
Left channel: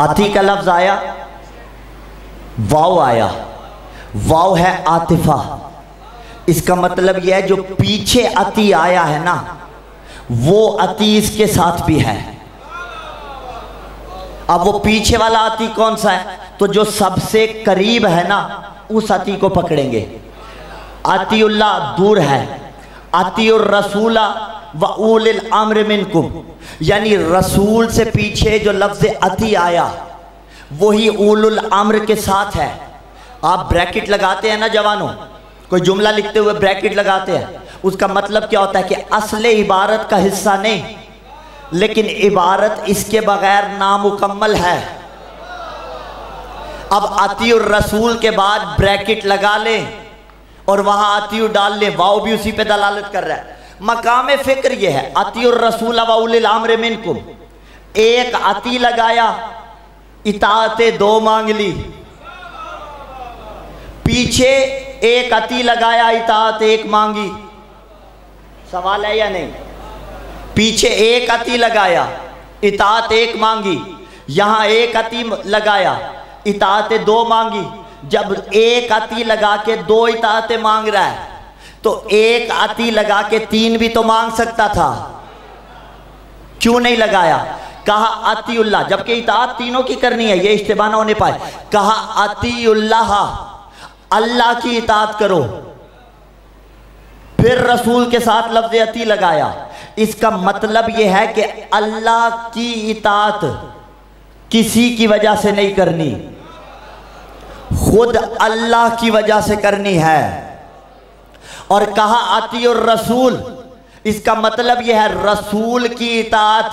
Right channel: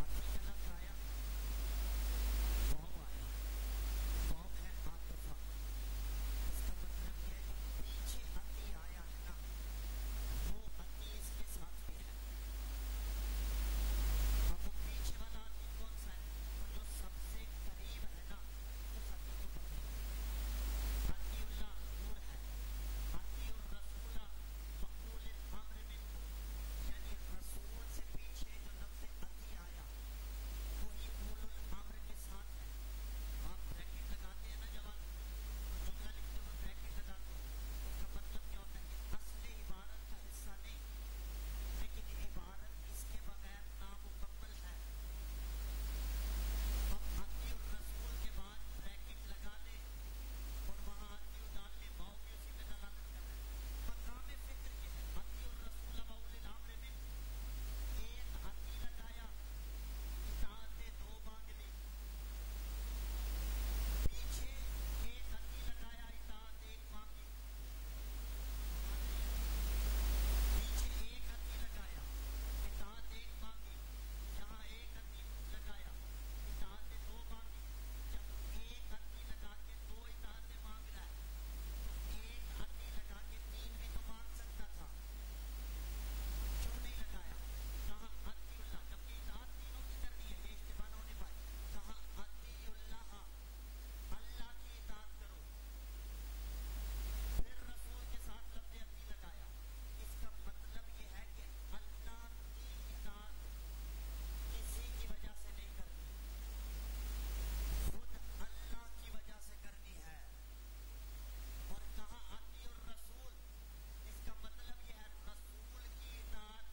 अती का लफ्ज़ आया, वाव आया, वाव है आतिफा। इसका मतलब यह है जो पीछे अती आया है ना, वो अती इसके साथ भी है। अब वो पीछे वाला अती कौन सा है? तो जो सबसे करीब है ना, उस अती को पकड़ेंगे। अतीउल्लाह दूर है, अतीउर रसूला व उलिल अम्र मिनकुम, यानी रसूल से पीछे जो लफ्ज़ अती आया वही उलुल अम्र के साथ है। आप ब्रैकेट लगाते हैं ना जवानों, कोई जुमला लिखते हुए ब्रैकेट लगाते हैं, उसका मतलब क्या होता है कि असले इबारत का हिस्सा नहीं, लेकिन इबारत इसके बगैर नामुकम्मल है। अब अतीउर रसूल के बाद ब्रैकेट लगा लें और वहां अतीउ डाल लें, वाव भी उसी पे दलालत कर रहा है। मकाम फिक्र ये है, अतीउर रसूल व उलिल अम्र मिनकुम। एक अती लगाया, इताअते दो मांग ली। पीछे एक अती लगाया, इताअत एक मांगी। सवाल है या नहीं? पीछे एक अती लगाया, इताअत एक मांगी। यहां एक अती लगाया, इताअत दो मांगी। जब एक अती लगा के दो इताअतें मांग रहा है तो एक अती लगा के तीन भी तो मांग सकता था, क्यों नहीं लगाया? कहा अतीउल्लाह, जबकि इताअत तीनों की करनी है, ये इश्तिबाह ना होने पाए। कहा अतीउल्लाह, अल्लाह की इताअत करो। फिर रसूल के साथ लफ्ज़ अती लगाया। इसका मतलब यह है कि अल्लाह की इताअत किसी की वजह से नहीं करनी, खुद अल्लाह की वजह से करनी है। और कहा अतीउर रसूल, इसका मतलब यह है रसूल की इताअत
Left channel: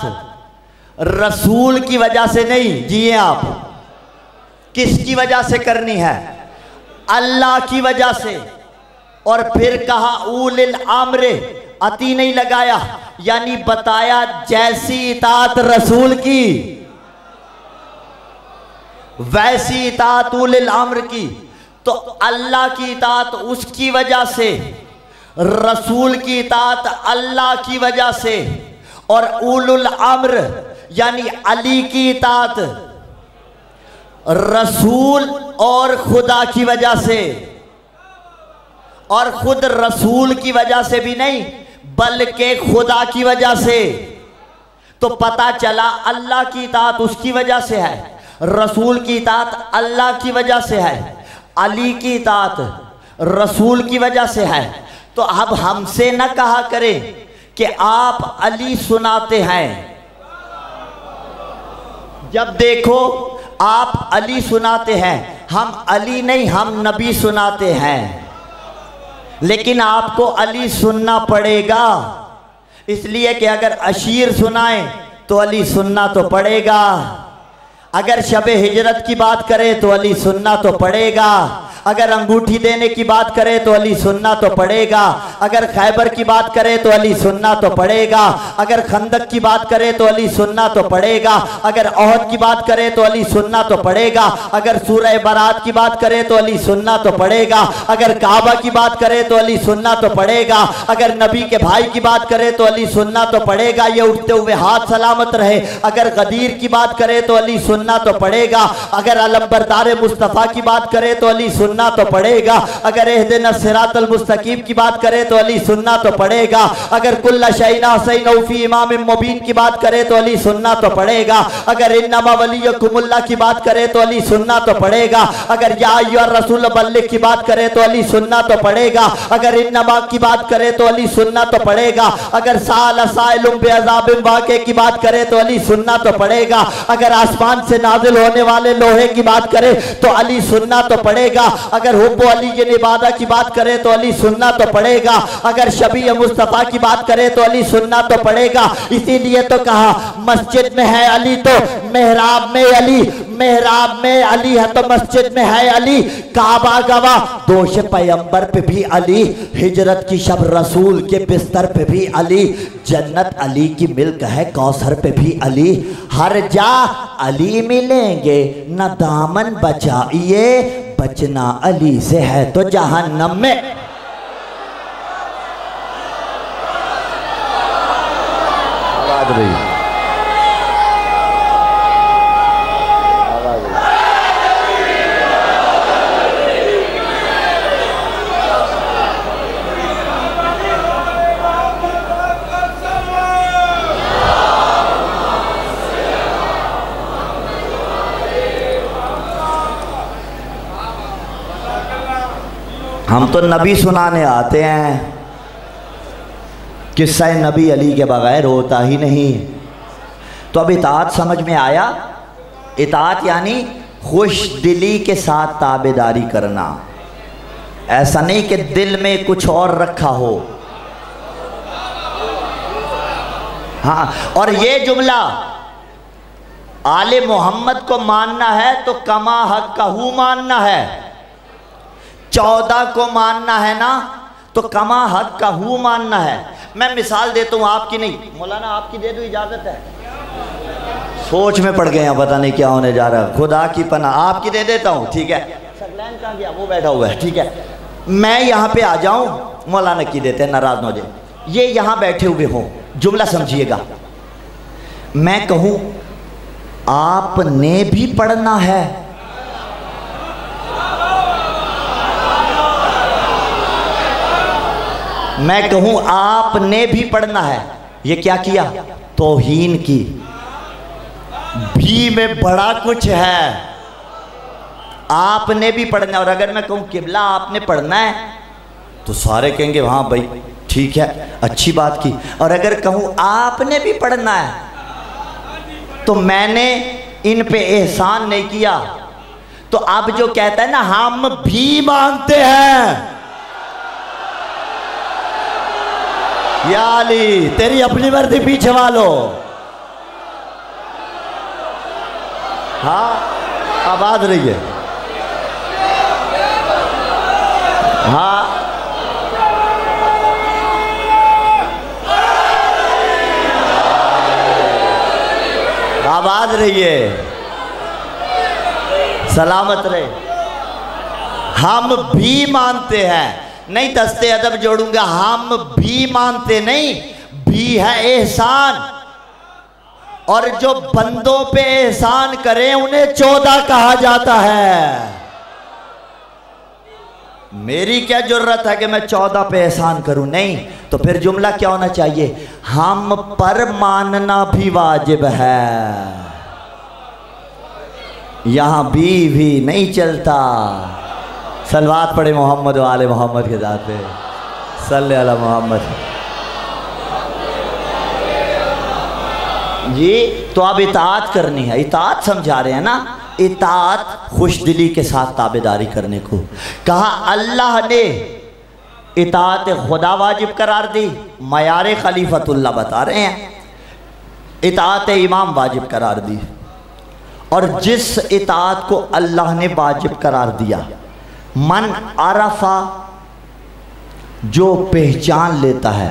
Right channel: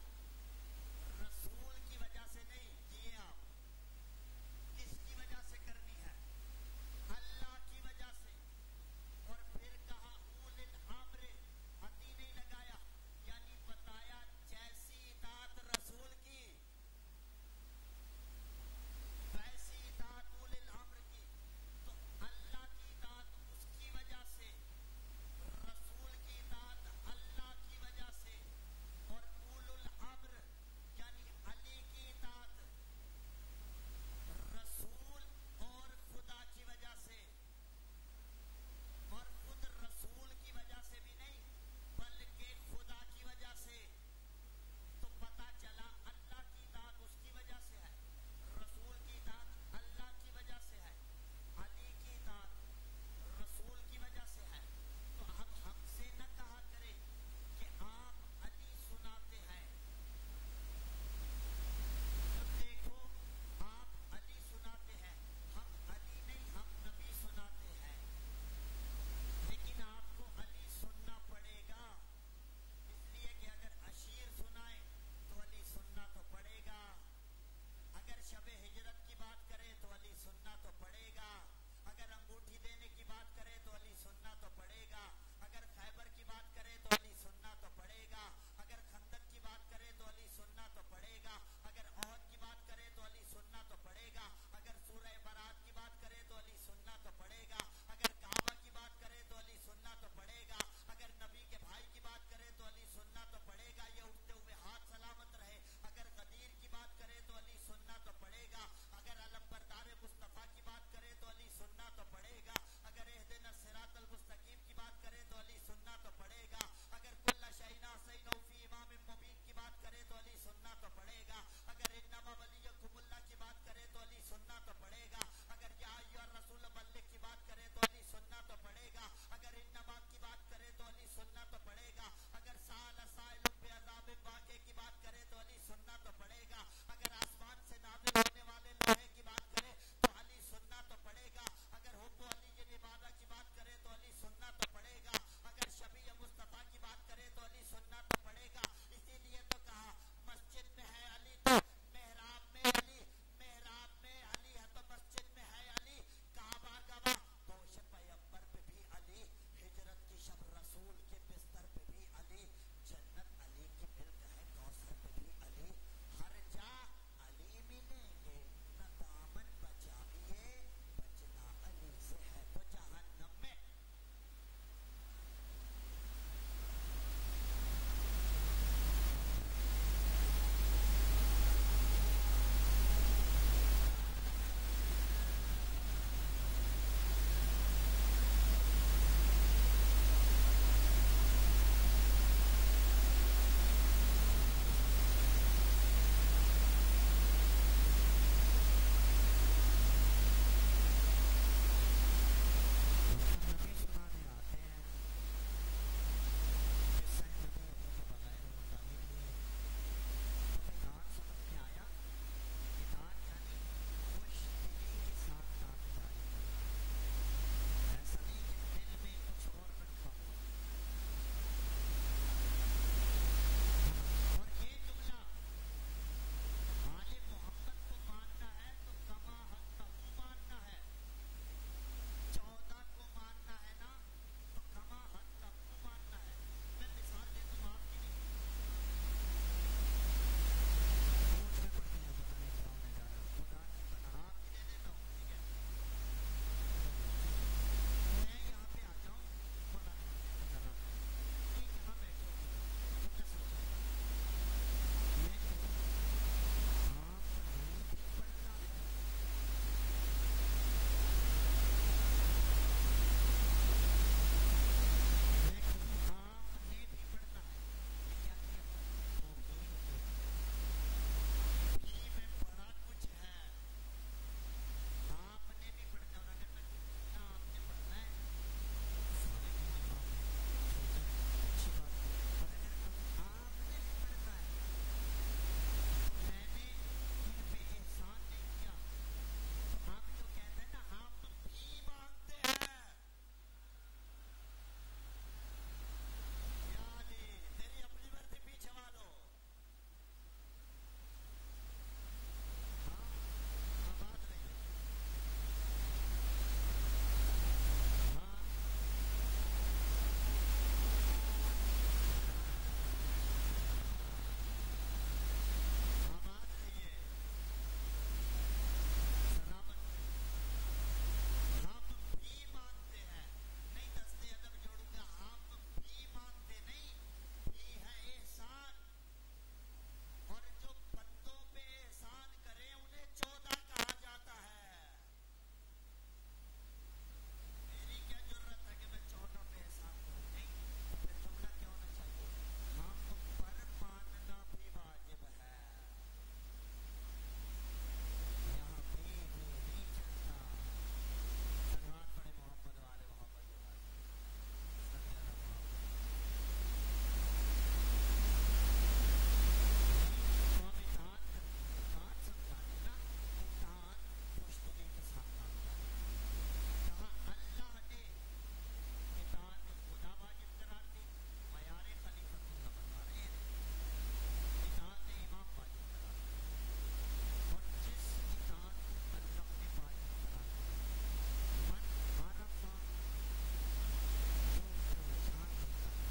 रसूल की वजह से नहीं, जिए आप, किसकी वजह से करनी है? अल्लाह की वजह से। और फिर कहा उलिल अम्र, अती नहीं लगाया, यानी बताया जैसी इताअत रसूल की वैसी इताअत उलिल अम्र की। तो अल्लाह की इताअत उसकी वजह से, रसूल की इताअत अल्लाह की वजह से, और उलुल अम्र यानी अली की इताअत रसूल और खुदा की वजह से। और खुद रसूल की वजह से भी नहीं बल्कि खुदा की वजह से। तो पता चला अल्लाह की इताअत उसकी वजह से है, रसूल की इताअत अल्लाह की वजह से है, अली की इताअत रसूल की वजह से है। तो अब हमसे न कहा करें कि आप अली सुनाते हैं। जब देखो आप अली सुनाते हैं, हम अली नहीं, हम नबी सुनाते हैं। लेकिन आपको अली सुनना पड़ेगा, इसलिए कि अगर अशीर सुनाएं तो अली सुनना तो पड़ेगा, अगर शब हिजरत की बात करें तो अली सुनना तो पड़ेगा, अगर अंगूठी देने की बात करे तो अली सुन्ना तो पड़ेगा, अगर खैबर की बात करे तो अली सुन्ना तो पड़ेगा, अगर खंदक की बात करे तो अली सुन्ना तो पड़ेगा, अगर ओहद की बात करे तो अली सुन्ना तो पड़ेगा, अगर सूरह बरात की बात करे तो अली सुन्ना तो पड़ेगा, अगर काबा की बात करे तो अली सुन्ना तो पड़ेगा, अगर नबी के भाई की बात करे तो अली सुन्ना तो पड़ेगा, ये उठते हुए हाथ सलामत रहे। अगर गदीर की बात करे तो अली सुन्ना तो पड़ेगा, अगर अलंबरदार मुस्तफ़ा की बात करे तो अली सुन्ना तो पड़ेगा, अगर एहदिना सिरातल मुस्तकीम की बात करे तो अली सुन्ना तो पड़ेगा, अगर कुल्ला शैना हुसैन फी इमाम मुबीन की बात करे तो अली सुन्ना तो पड़ेगा, अगर इन्नमा वलियकुमुल्लाह की बात करे तो अली सुन्ना तो पड़ेगा, अगर या अय्युहर रसूल बल्लिग की बात करे तो अली सुन्ना तो पड़ेगा, अगर इन्नमा की बात करे तो अली सुन्ना तो पड़ेगा, अगर साल साइलुम बेअज़ाबिन वाक़े की बात करे तो अली सुन्ना तो पड़ेगा, अगर आसमान से नाजिल होने वाले लोहे की बात करे तो अली सुन्ना तो पड़ेगा, अगर हुब्बो अली इबादा की बात करे तो अली सुन्ना तो पड़ेगा, अगर शबी मुस्तफ़ा की बात करे तो अली सुन्ना तो पड़ेगा। इसीलिए तो कहा मस्जिद में है अली तो मेहराब में अली, मेहराब में अली है तो मस्जिद में है अली, काबा गवा दोष पैगंबर पे भी अली, हिजरत की शब रसूल के बिस्तर पे भी अली, जन्नत अली की मिल्क है कौसर पे भी अली, हर जा अली मिलेंगे न दामन बचाइए, बचना अली से है तो जहन्नम में। आवाज रही हम तो नबी सुनाने आते हैं, किस्सा नबी अली के बगैर होता ही नहीं। तो अब इताअत समझ में आया। इताअत यानी खुश दिली के साथ ताबेदारी करना, ऐसा नहीं कि दिल में कुछ और रखा हो। हाँ, और ये जुमला आले मोहम्मद को मानना है तो कमा हक कहू मानना है, 14 को मानना है ना तो कमा हक का हु मानना है। मैं मिसाल देता हूँ, आपकी नहीं मौलाना, आपकी दे दो, इजाजत है। सोच में पड़ गए हैं, पता नहीं क्या होने जा रहा है, खुदा की पनाह। आपकी दे देता हूँ, ठीक है। सकलैन कहाँ गया? वो बैठा हुआ है, ठीक है। मैं यहाँ पे आ जाऊँ, मौलाना की देते हैं, नाराज न हो जाए। ये यहाँ बैठे हुए हों, जुमला समझिएगा। मैं कहूँ आपने भी पढ़ना है, मैं कहूं आपने भी पढ़ना है, ये क्या किया? तौहीन की। भी में बड़ा कुछ है, आपने भी पढ़ना है। और अगर मैं कहूं किबला आपने पढ़ना है तो सारे कहेंगे हाँ भाई ठीक है, अच्छी बात की। और अगर कहूं आपने भी पढ़ना है तो मैंने इन पे एहसान नहीं किया। तो अब जो कहता है ना हम भी मानते हैं, या अली तेरी अपनी वर्दी पीछे वालो। हाँ, आवाज रही है। हाँ, आवाज रही है, सलामत रहे। हम भी मानते हैं, नहीं दस्ते अदब जोड़ूंगा, हम भी मानते नहीं, भी है एहसान। और जो बंदों पे एहसान करें उन्हें 14 कहा जाता है। मेरी क्या जरूरत है कि मैं 14 पे एहसान करूं? नहीं, तो फिर जुमला क्या होना चाहिए? हम पर मानना भी वाजिब है। यहां भी नहीं चलता। सलवात पढ़े मोहम्मद वाले मोहम्मद के साथ पे, सल्ले अला मोहम्मद जी। तो अब इताअत करनी है, इताअत समझा रहे हैं ना। इताअत खुशदिली के साथ ताबेदारी करने को कहा। अल्लाह ने इताअत खुदा वाजिब करार दी, मयार खलीफतुल्लाह बता रहे हैं। इताअत इमाम वाजिब करार दी, और जिस इताअत को अल्लाह ने वाजिब करार दिया मन आरफा, जो पहचान लेता है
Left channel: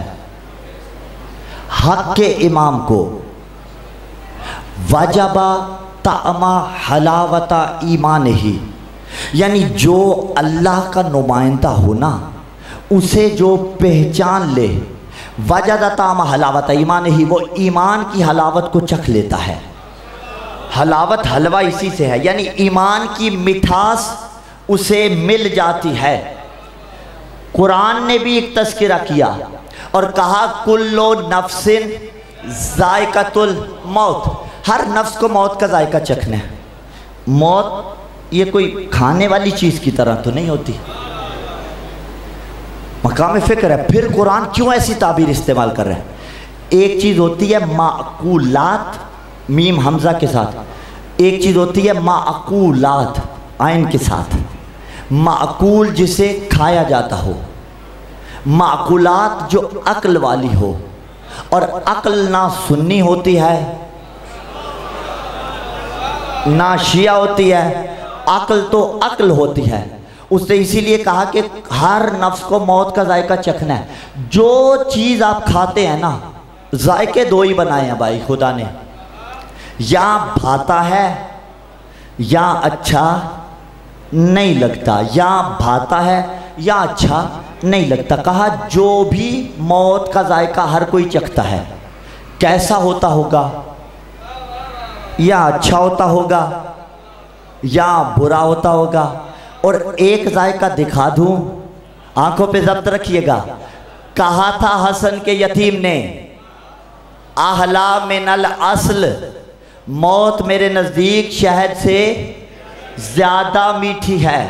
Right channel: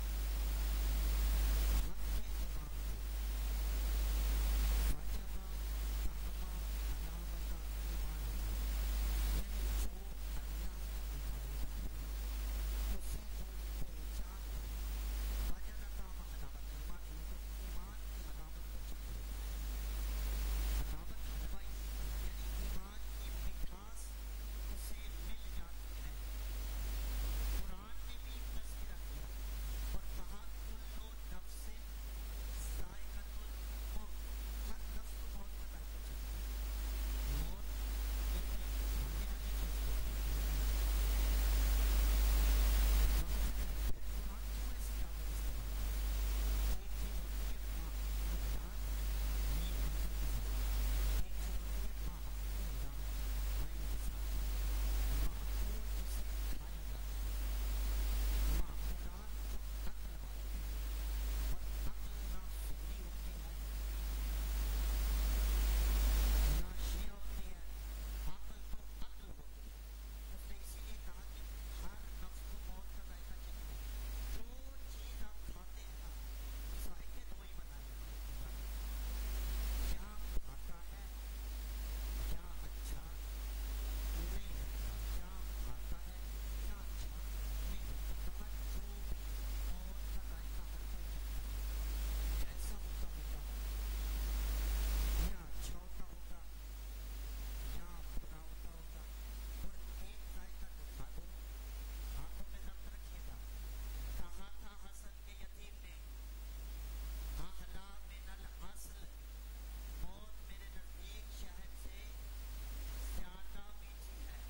हक के इमाम को, वजबा तामा हलावता ईमान ही, यानी जो अल्लाह का नुमाइंदा हो ना, उसे जो पहचान ले, वजदा तामा हलावता ईमान ही, वो ईमान की हलावत को चख लेता है। हलावत हलवा इसी से है, यानी ईमान की मिठास उसे मिल जाती है। कुरान ने भी एक तज़किरा किया और कहा कुल्लो नफ्सिन ज़ायक़तुल मौत, हर नफ्स को मौत का जायका चखना है। मौत ये कोई खाने वाली चीज़ की तरह तो नहीं होती, मकाम फ़िक्र है। फिर कुरान क्यों ऐसी ताबीर इस्तेमाल कर रहा है? एक चीज़ होती है माकूलात, मीम हमज़ा के साथ, एक चीज़ होती है माकूलात आइन के साथ। माकूल जिसे खाया जाता हो, माकूलात जो अक्ल वाली हो, और अक्ल ना सुन्नी होती है ना शिया होती है, अक्ल तो अक्ल होती है। उसने इसीलिए कहा कि हर नफ्स को मौत का जायका चखना है। जो चीज़ आप खाते हैं ना, जायके दो ही बनाए हैं भाई खुदा ने, या भाता है या अच्छा नहीं लगता, या भाता है या अच्छा नहीं लगता। कहा जो भी मौत का जायका हर कोई चखता है, कैसा होता होगा, या अच्छा होता होगा या बुरा होता होगा। और एक जायका दिखा दूं, आंखों पे जब्त रखिएगा। कहा था हसन के यतीम ने, आहला मिनल अस्ल, मौत मेरे नज़दीक शहद से ज़्यादा मीठी है।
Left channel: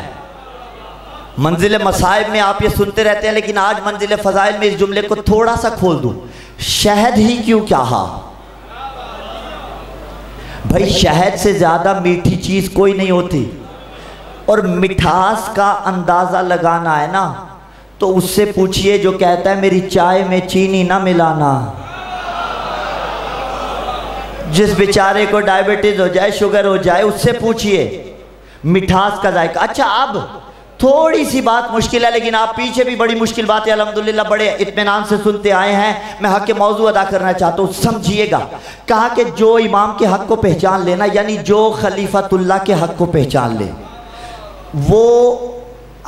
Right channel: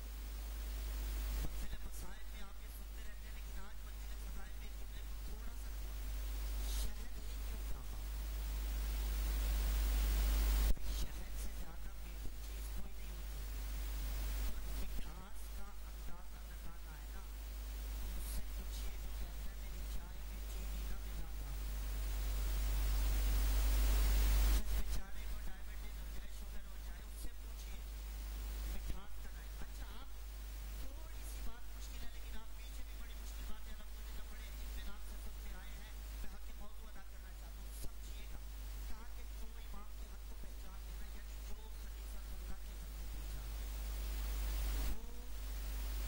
मंजिल मसाइब में आप ये सुनते रहते हैं, लेकिन आज मंजिल फ़ज़ाइल में इस जुमले को थोड़ा सा खोल दूं। शहद ही क्यों कहा भाई? शहद से ज़्यादा मीठी चीज़ कोई नहीं होती। और मिठास का अंदाज़ा लगाना है ना, तो उससे पूछिए जो कहता है मेरी चाय में चीनी ना मिलाना। जिस बेचारे को डायबिटीज हो जाए, शुगर हो जाए, उससे पूछिए मिठास का जायका। अच्छा, अब थोड़ी सी बात मुश्किल है, लेकिन आप पीछे भी बड़ी मुश्किल बात है अल्हम्दुलिल्लाह बड़े इत्मीनान से सुनते आए हैं। मैं हक के मौजू अदा करना चाहता हूँ, समझिएगा। कहा कि जो इमाम के हक को पहचान लेना, यानी जो खलीफतुल्लाह के हक को पहचान ले, वो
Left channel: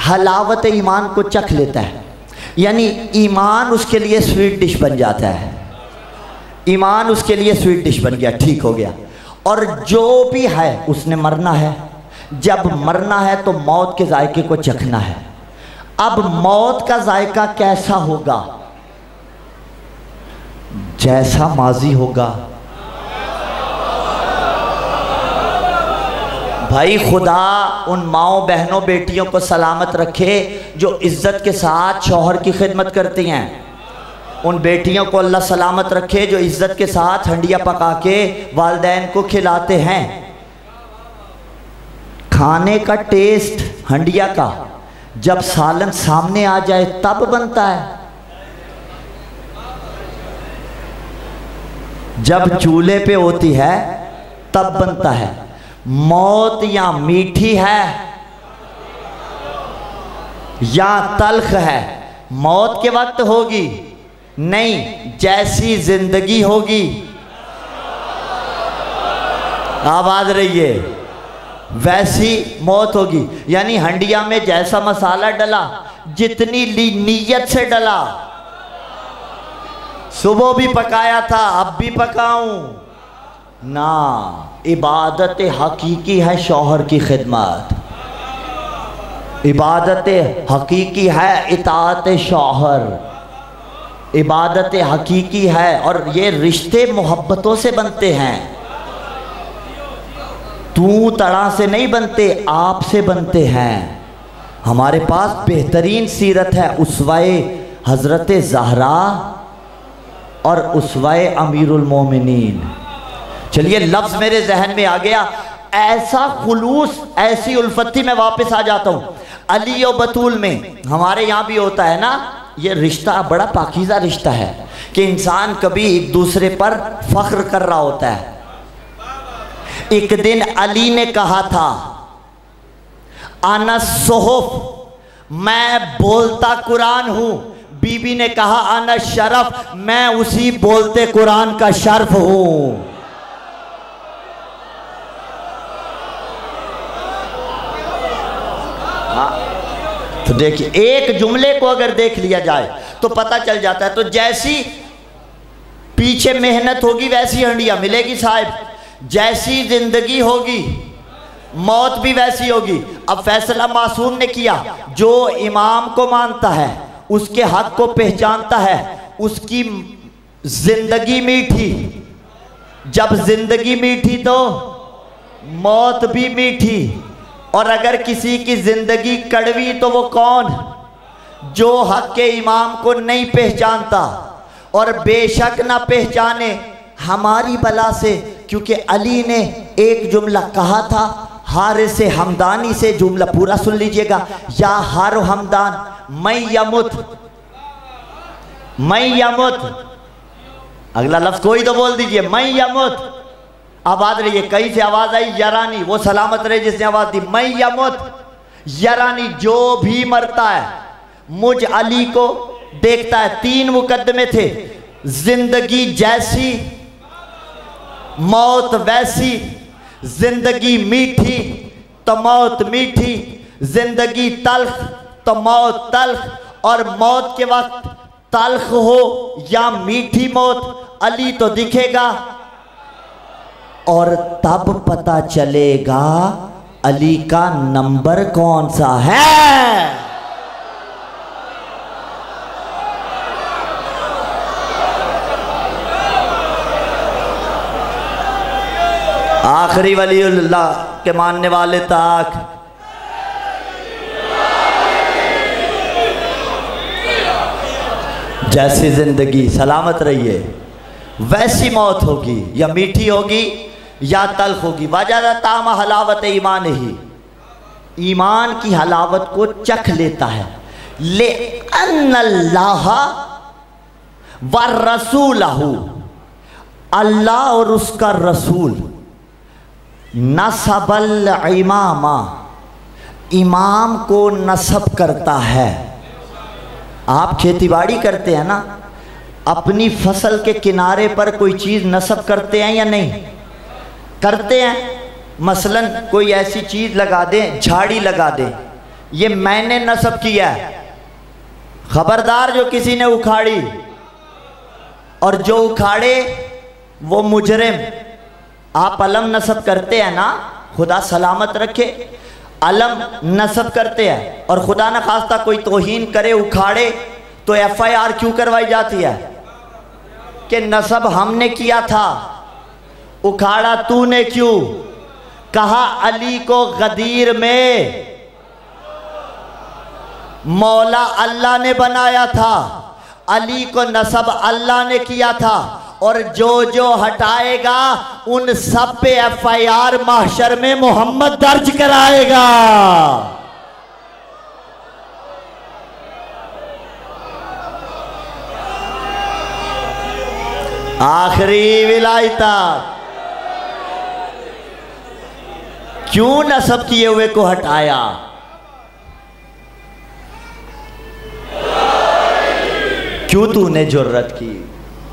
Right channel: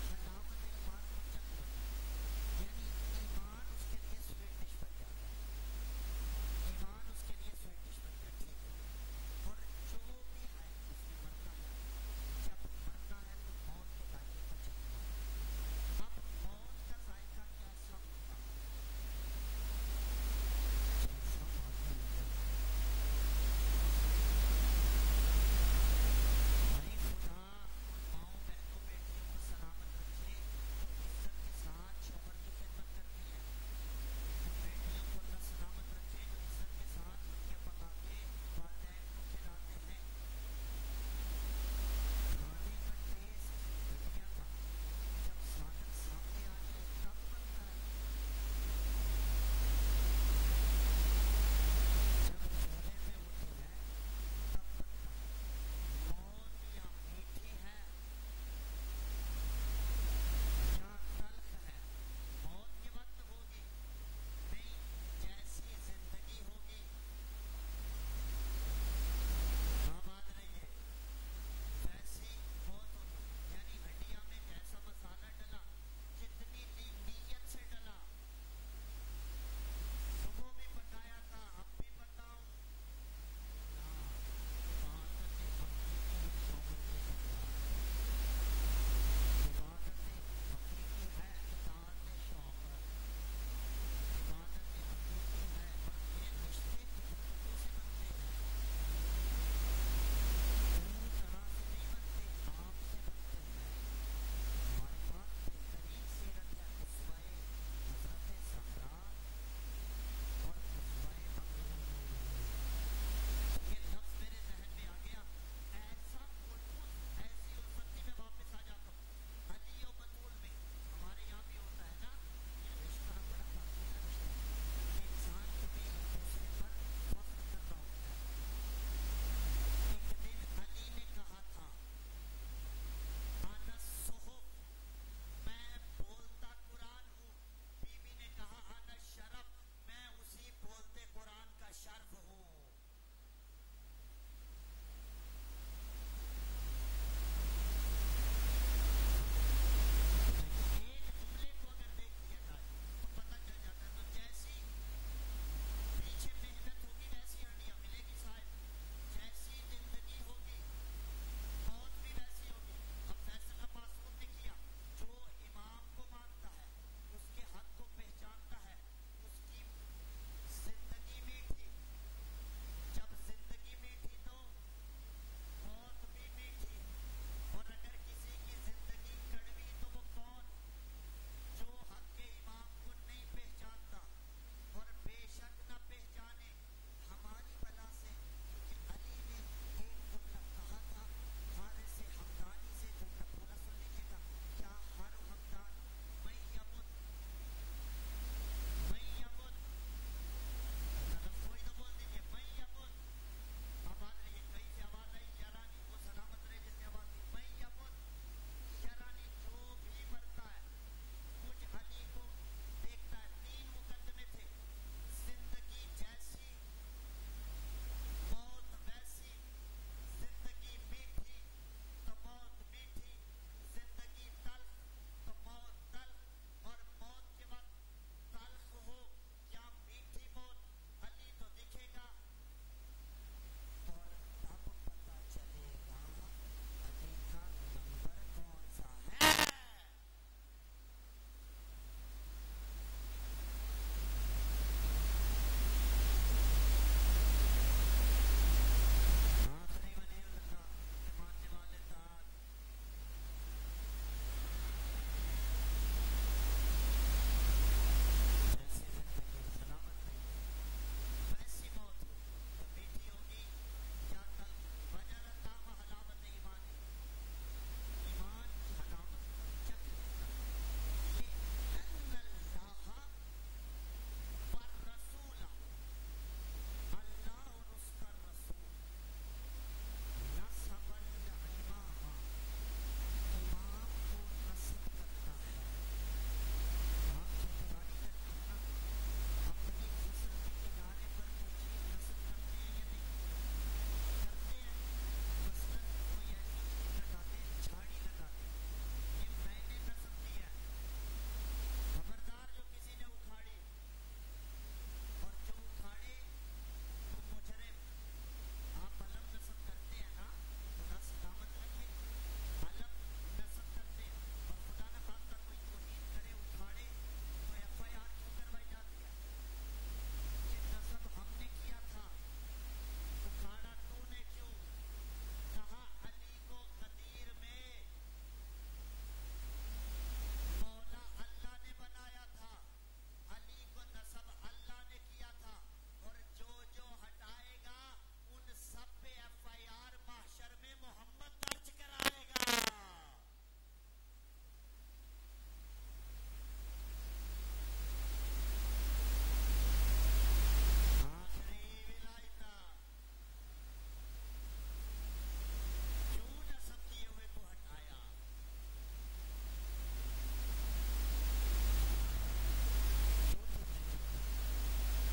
हलावत ईमान को चख लेता है। यानी ईमान उसके लिए स्वीट डिश बन जाता है। ईमान उसके लिए स्वीट डिश बन गया, ठीक हो गया। और जो भी है उसने मरना है। जब मरना है तो मौत के जायके को चखना है। अब मौत का जायका कैसा होगा? जैसा माजी होगा। भाई खुदा उन माओ बहनों बेटियों को सलामत रखे जो इज्जत के साथ शौहर की खिदमत करती हैं। उन बेटियों को अल्लाह सलामत रखे जो इज्जत के साथ हंडिया पका के वालिदैन को खिलाते हैं। खाने का टेस्ट हंडिया का जब सालन सामने आ जाए तब बनता है, जब चूल्हे पे होती है तब बनता है। मौत या मीठी है या तल्ख है, मौत के वक्त होगी नहीं, जैसी जिंदगी होगी, आवाज रही है, वैसी मौत होगी। यानी हंडिया में जैसा मसाला डला, जितनी नीयत से डला, सुबह भी पकाया था अब भी पकाऊं ना, इबादत हकीकी है शौहर की खिदमत, इबादत हकीकी है इताअत शौहर, इबादत हकीकी है। और ये रिश्ते मोहब्बतों से बनते हैं, तू तड़ा से नहीं बनते, आप से बनते हैं। हमारे पास बेहतरीन सीरत है, उसवाए हज़रत ज़हरा और उसवाए अमीरुल मोमिनीन। चलिए लफ्ज़ मेरे जहन में आ गया, ऐसा खुलूस, ऐसी उल्फती। में वापस आ जाता हूँ अली और बतूल में। हमारे यहाँ भी होता है ना, ये रिश्ता बड़ा पाकीज़ा रिश्ता है कि इंसान कभी एक दूसरे पर फख्र कर रहा होता है। एक दिन अली ने कहा था, आना सोहफ, मैं बोलता कुरान हूँ। बीबी ने कहा आना शरफ, मैं उसी बोलते कुरान का शर्फ हूँ। तो देखिए, एक जुमले को अगर देख लिया जाए तो पता चल जाता है। तो जैसी पीछे मेहनत होगी वैसी हंडिया मिलेगी साहब। जैसी जिंदगी होगी मौत भी वैसी होगी। अब फैसला मासूम ने किया, जो इमाम को मानता है, उसके हक को पहचानता है, उसकी जिंदगी मीठी। जब जिंदगी मीठी तो मौत भी मीठी। और अगर किसी की जिंदगी कड़वी तो वो कौन? जो हक के इमाम को नहीं पहचानता। और बेशक ना पहचाने हमारी बला से, क्योंकि अली ने एक जुमला कहा था हारिस हमदानी से। जुमला पूरा सुन लीजिएगा, या हार हमदान मैं यमुत, मैं यमुत। अगला लफ्ज कोई तो बोल दीजिए, मैं यमुत। आवाज रही है, कहीं से आवाज आई यरानी, वो सलामत रहे जिसने आवाज दी। मैं यमुत यरानी, जो भी मरता है मुझ अली को देखता है। 3 मुकदमे थे, जिंदगी जैसी मौत वैसी। जिंदगी मीठी तो मौत मीठी, जिंदगी तल्ख तो मौत तल्ख। और मौत के वक्त तल्ख हो या मीठी मौत, अली तो दिखेगा। और तब पता चलेगा अली का नंबर कौन सा है। आखिरी वलीउल्लाह के मानने वाले तक जैसी जिंदगी सलामत रहिए, वैसी मौत होगी, या मीठी होगी या तल्ख होगी। वजह ताम हलावत ईमान ही, ईमान की हलावत को चख लेता है। ले अन्नल्लाह व रसूलहू, अल्लाह और उसका रसूल, नसबल इमामा, इमाम को नसब करता है। आप खेतीबाड़ी करते हैं ना, अपनी फसल के किनारे पर कोई चीज़ नसब करते हैं या नहीं करते हैं? मसलन कोई ऐसी चीज़ लगा दें, झाड़ी लगा दें, ये मैंने नसब किया है। खबरदार जो किसी ने उखाड़ी, और जो उखाड़े वो मुजरिम। आप अलम नसब करते हैं ना, खुदा सलामत रखे, अलम नसब करते हैं, और खुदा न खास्ता कोई तौहीन करे, उखाड़े, तो FIR क्यों करवाई जाती है कि नसब हमने किया था, उखाड़ा तूने क्यों? कहा अली को गदीर में मौला अल्लाह ने बनाया था, अली को नसब अल्लाह ने किया था। और जो जो हटाएगा उन सब पे FIR महशर में मोहम्मद दर्ज कराएगा। आखिरी विलायता, क्यों नसब किए हुए को हटाया? क्यों तूने जुर्रत की?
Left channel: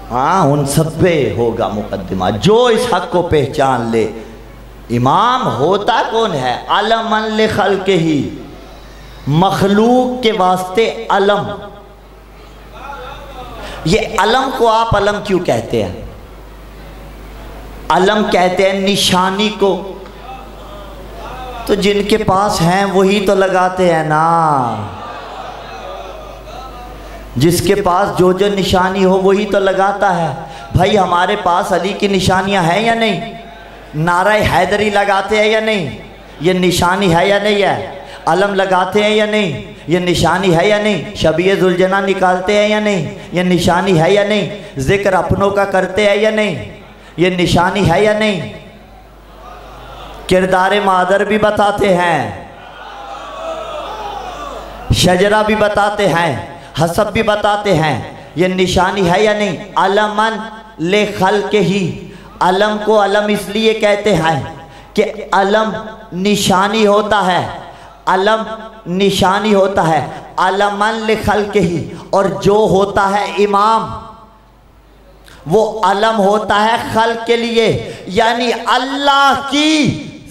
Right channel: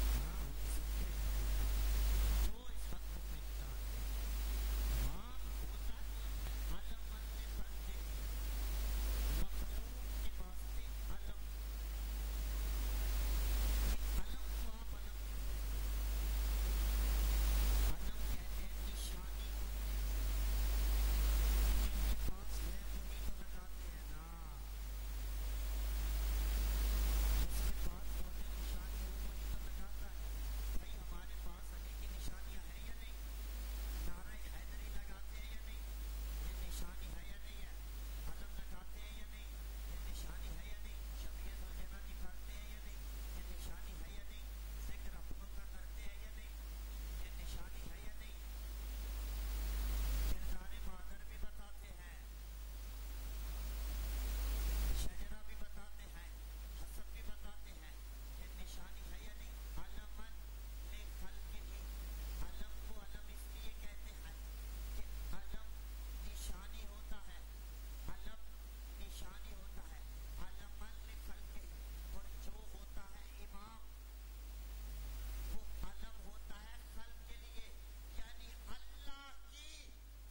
हाँ, उन सब पे होगा मुकद्दमा जो इस हक को पहचान ले। इमाम होता कौन है? अलमन ले खल्के ही, मखलूक के वास्ते अलम। ये अलम को आप अलम क्यों कहते हैं? अलम कहते हैं निशानी को, तो जिनके पास हैं वही तो लगाते हैं ना। जिसके पास जो जो निशानी हो वही तो लगाता है। भाई हमारे पास अली की निशानियां हैं या नहीं? नारे हैदरी लगाते हैं या नहीं? ये निशानी है या नहीं है? अलम लगाते हैं या नहीं? ये निशानी है या नहीं? शबीए जुलजना निकालते हैं या नहीं? ये निशानी है या नहीं? जिक्र अपनों का करते हैं या नहीं? ये निशानी है या नहीं? किरदार मादर भी बताते हैं, शजरा भी बताते हैं, हसब भी बताते हैं। ये निशानी है या नहीं? अलमन ले खल के ही, अलम को अलम इसलिए कहते हैं कि अलम निशानी होता है। अलम निशानी होता है, अलमन लिखल के ही, और जो होता है इमाम वो अलम होता है खल के लिए, यानी अल्लाह की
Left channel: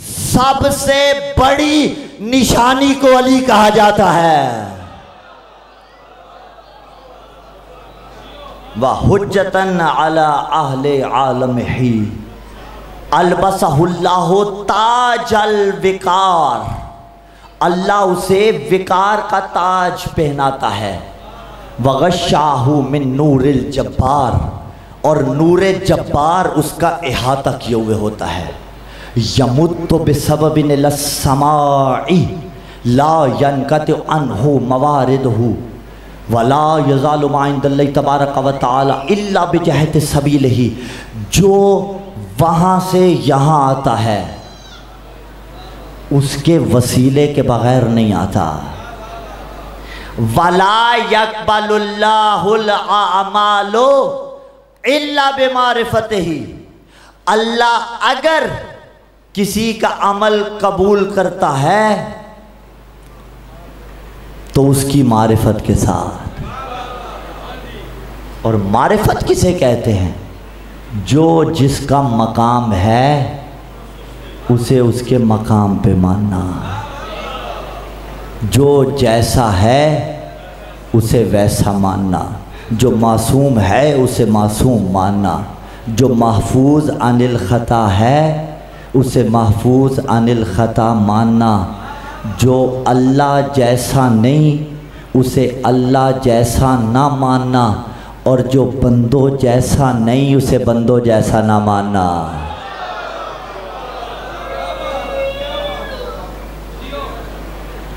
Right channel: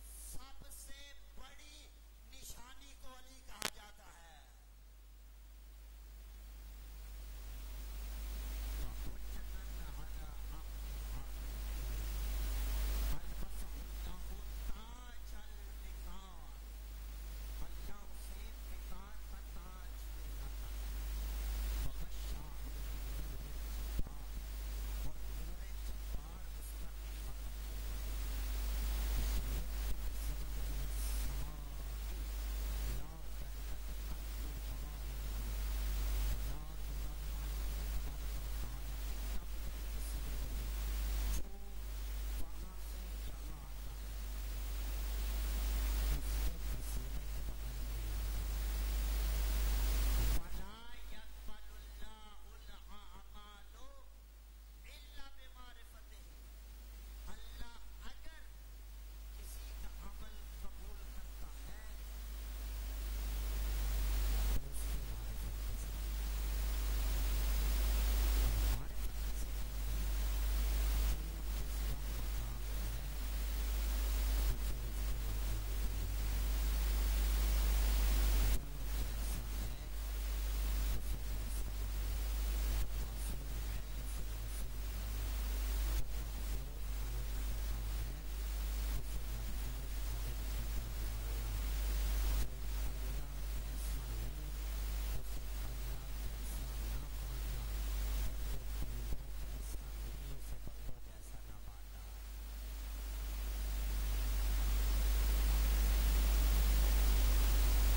सबसे बड़ी निशानी को अली कहा जाता है। व हुज्जतन अला अहले आलम ही अलबसहुल्लाहु ताजल विकार, अल्लाह उसे विकार का ताज पहनाता है। वगशाहु मिन नूरिल जब्बार, और नूरे जब्बार उसका इहाता किए हुए होता है। यमुत्तु बिसबबिन लस्समाई ला यनकतु अन्हु मवारिदहु वला यज़ालु मा इंदल्लाहि तबारक व तआला इल्ला बिजहति सबीलिही, जो वहाँ से यहाँ आता है उसके वसीले के बगैर नहीं आता। वला यक़बलुल्लाहुल आमालो इल्ला बिमारिफतिही, अल्लाह अगर किसी का अमल कबूल करता है तो उसकी मारिफत के साथ। और मारिफत किसे कहते हैं? जो जिसका मकाम है उसे उसके मकाम पे मानना, जो जैसा है उसे वैसा मानना, जो मासूम है उसे मासूम मानना, जो महफूज अनिल ख़ता है उसे महफूज अनिल ख़ता मानना, जो अल्लाह जैसा नहीं उसे अल्लाह जैसा ना मानना, और जो बंदो जैसा नहीं उसे बंदो जैसा ना मानना।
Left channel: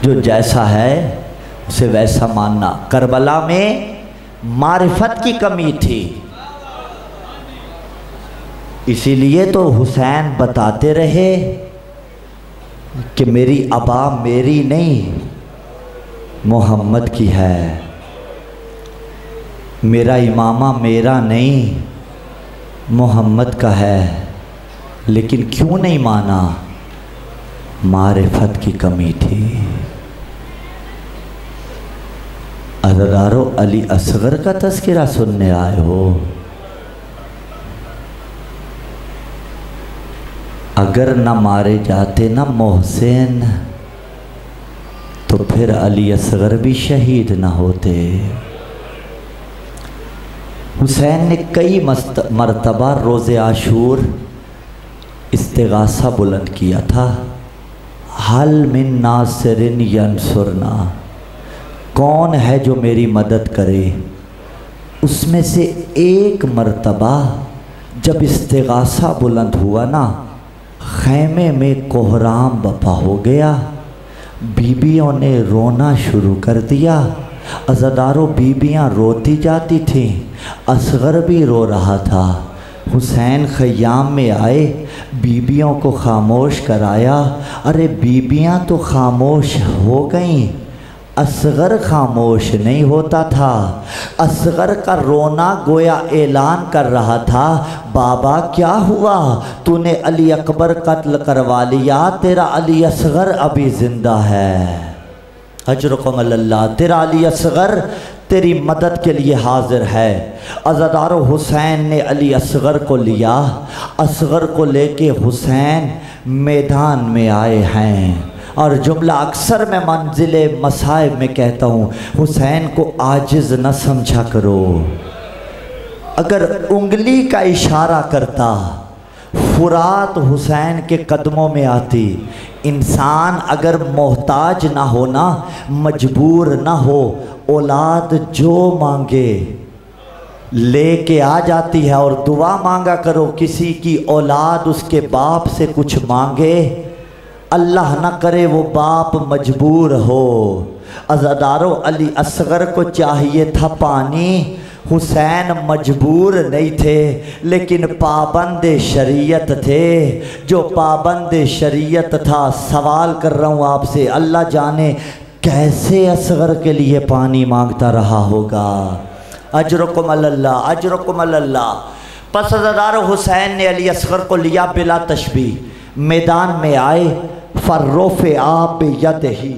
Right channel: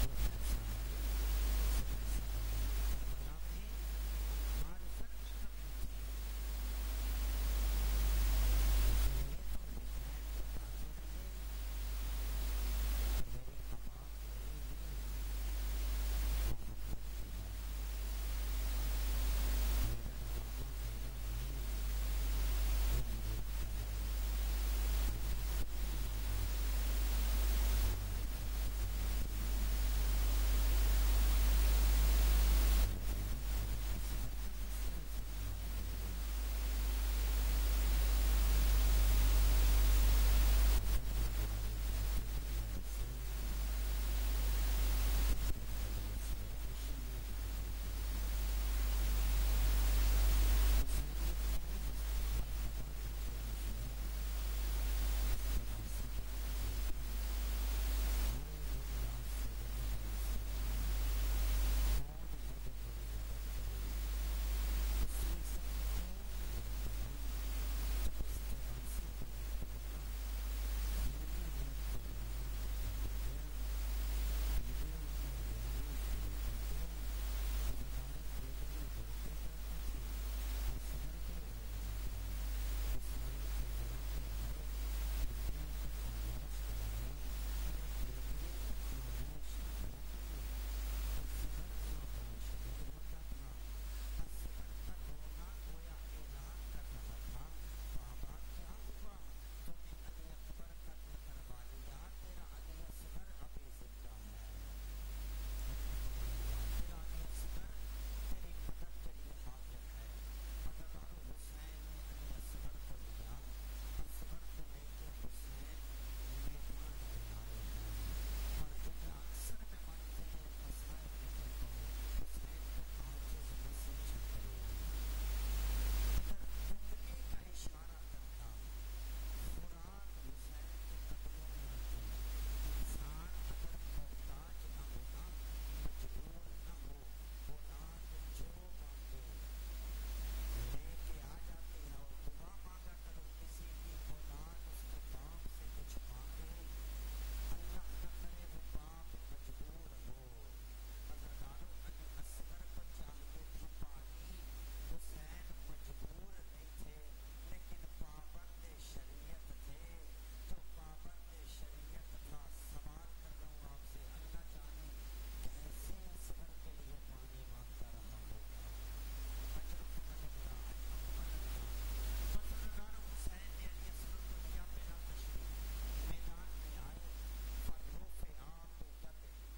जो जैसा है उसे वैसा मानना। करबला में मारिफत की कमी थी, इसीलिए तो हुसैन बताते रहे कि मेरी अबा मेरी नहीं मोहम्मद की है, मेरा इमामा मेरा नहीं मोहम्मद का है। लेकिन क्यों नहीं माना? मारिफत की कमी थी। अज़दारो अली असगर का तज़किरा सुनने आए हो? अगर न मारे जाते ना मोहसिन तो फिर अली असगर भी शहीद न होते। हुसैन ने कई मरतबा रोज़े आशूर इस्तिगासा बुलंद किया था। हल मिन नासिरिन यंसुरना, कौन है जो मेरी मदद करे। उसमें से एक मरतबा जब इस्तिगासा बुलंद हुआ ना, खैमे में कोहराम बपा हो गया, बीबियों ने रोना शुरू कर दिया। अज़ादारों बीबियाँ रोती जाती थीं, असगर भी रो रहा था। हुसैन ख़याम में आए, बीबियों को खामोश कराया। अरे बीबियाँ तो खामोश हो गईं, असगर खामोश नहीं होता था। असगर का रोना गोया ऐलान कर रहा था, बाबा क्या हुआ, तूने अली अकबर कत्ल करवा लिया, तेरा अली असगर अभी ज़िंदा है। अजरुकुम अल्लाह, तेरा अली असगर तेरी मदद के लिए हाजिर है। अज़ादारो हुसैन ने अली असगर को लिया। असगर को लेके हुसैन मैदान में आए हैं। और जुमला अक्सर मैं मंजिले मसाइब में कहता हूँ, हुसैन को आजिज़ न समझा करो। अगर उंगली का इशारा करता फुरात हुसैन के कदमों में आती। इंसान अगर मोहताज ना हो ना, मजबूर ना हो, औलाद जो मांगे लेके आ जाती है। और दुआ मांगा करो, किसी की औलाद उसके बाप से कुछ मांगे, अल्लाह ना करे वो बाप मजबूर हो। अज़ादारों अली असगर को चाहिए था पानी, हुसैन मजबूर नहीं थे लेकिन पाबंद शरीयत थे। जो पाबंद शरीयत था, सवाल कर रहा हूँ आपसे, अल्लाह जाने कैसे असगर के लिए पानी मांगता रहा होगा। अजरुकुम अल्लाह, अजरुकुम अल्लाह। पस अज़ादारों हुसैन ने अली असगर को लिया बिला तशबीह, मैदान में आए। फर्रोफ़े आप यद ही,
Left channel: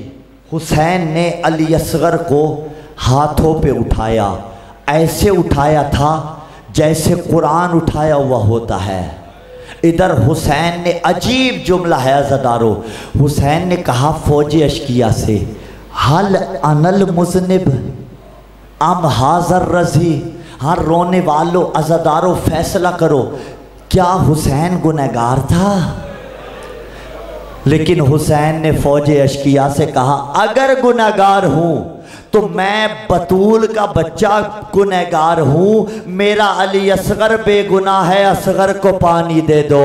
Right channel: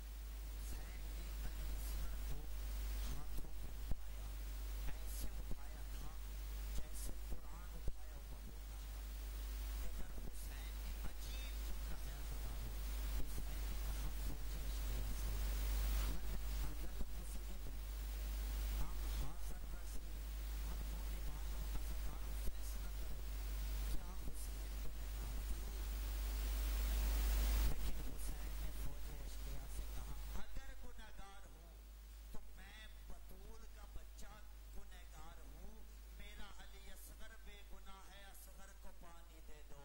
हुसैन ने अली असगर को हाथों पे उठाया, ऐसे उठाया था जैसे कुरान उठाया हुआ होता है। इधर हुसैन ने, अजीब जुमला है अज़ादारो, हुसैन ने कहा फौज अशकिया से, हल अनल मुज़निब अम हाज़र रज़ी, हाँ रोने वालों अज़ादारो फैसला करो, क्या हुसैन गुनहगार था? लेकिन हुसैन ने फौज अशकिया से कहा अगर गुनहगार हूँ तो मैं बतूल का बच्चा गुनहगार हूँ, मेरा अली असगर बेगुनाह है, असगर को पानी दे दो।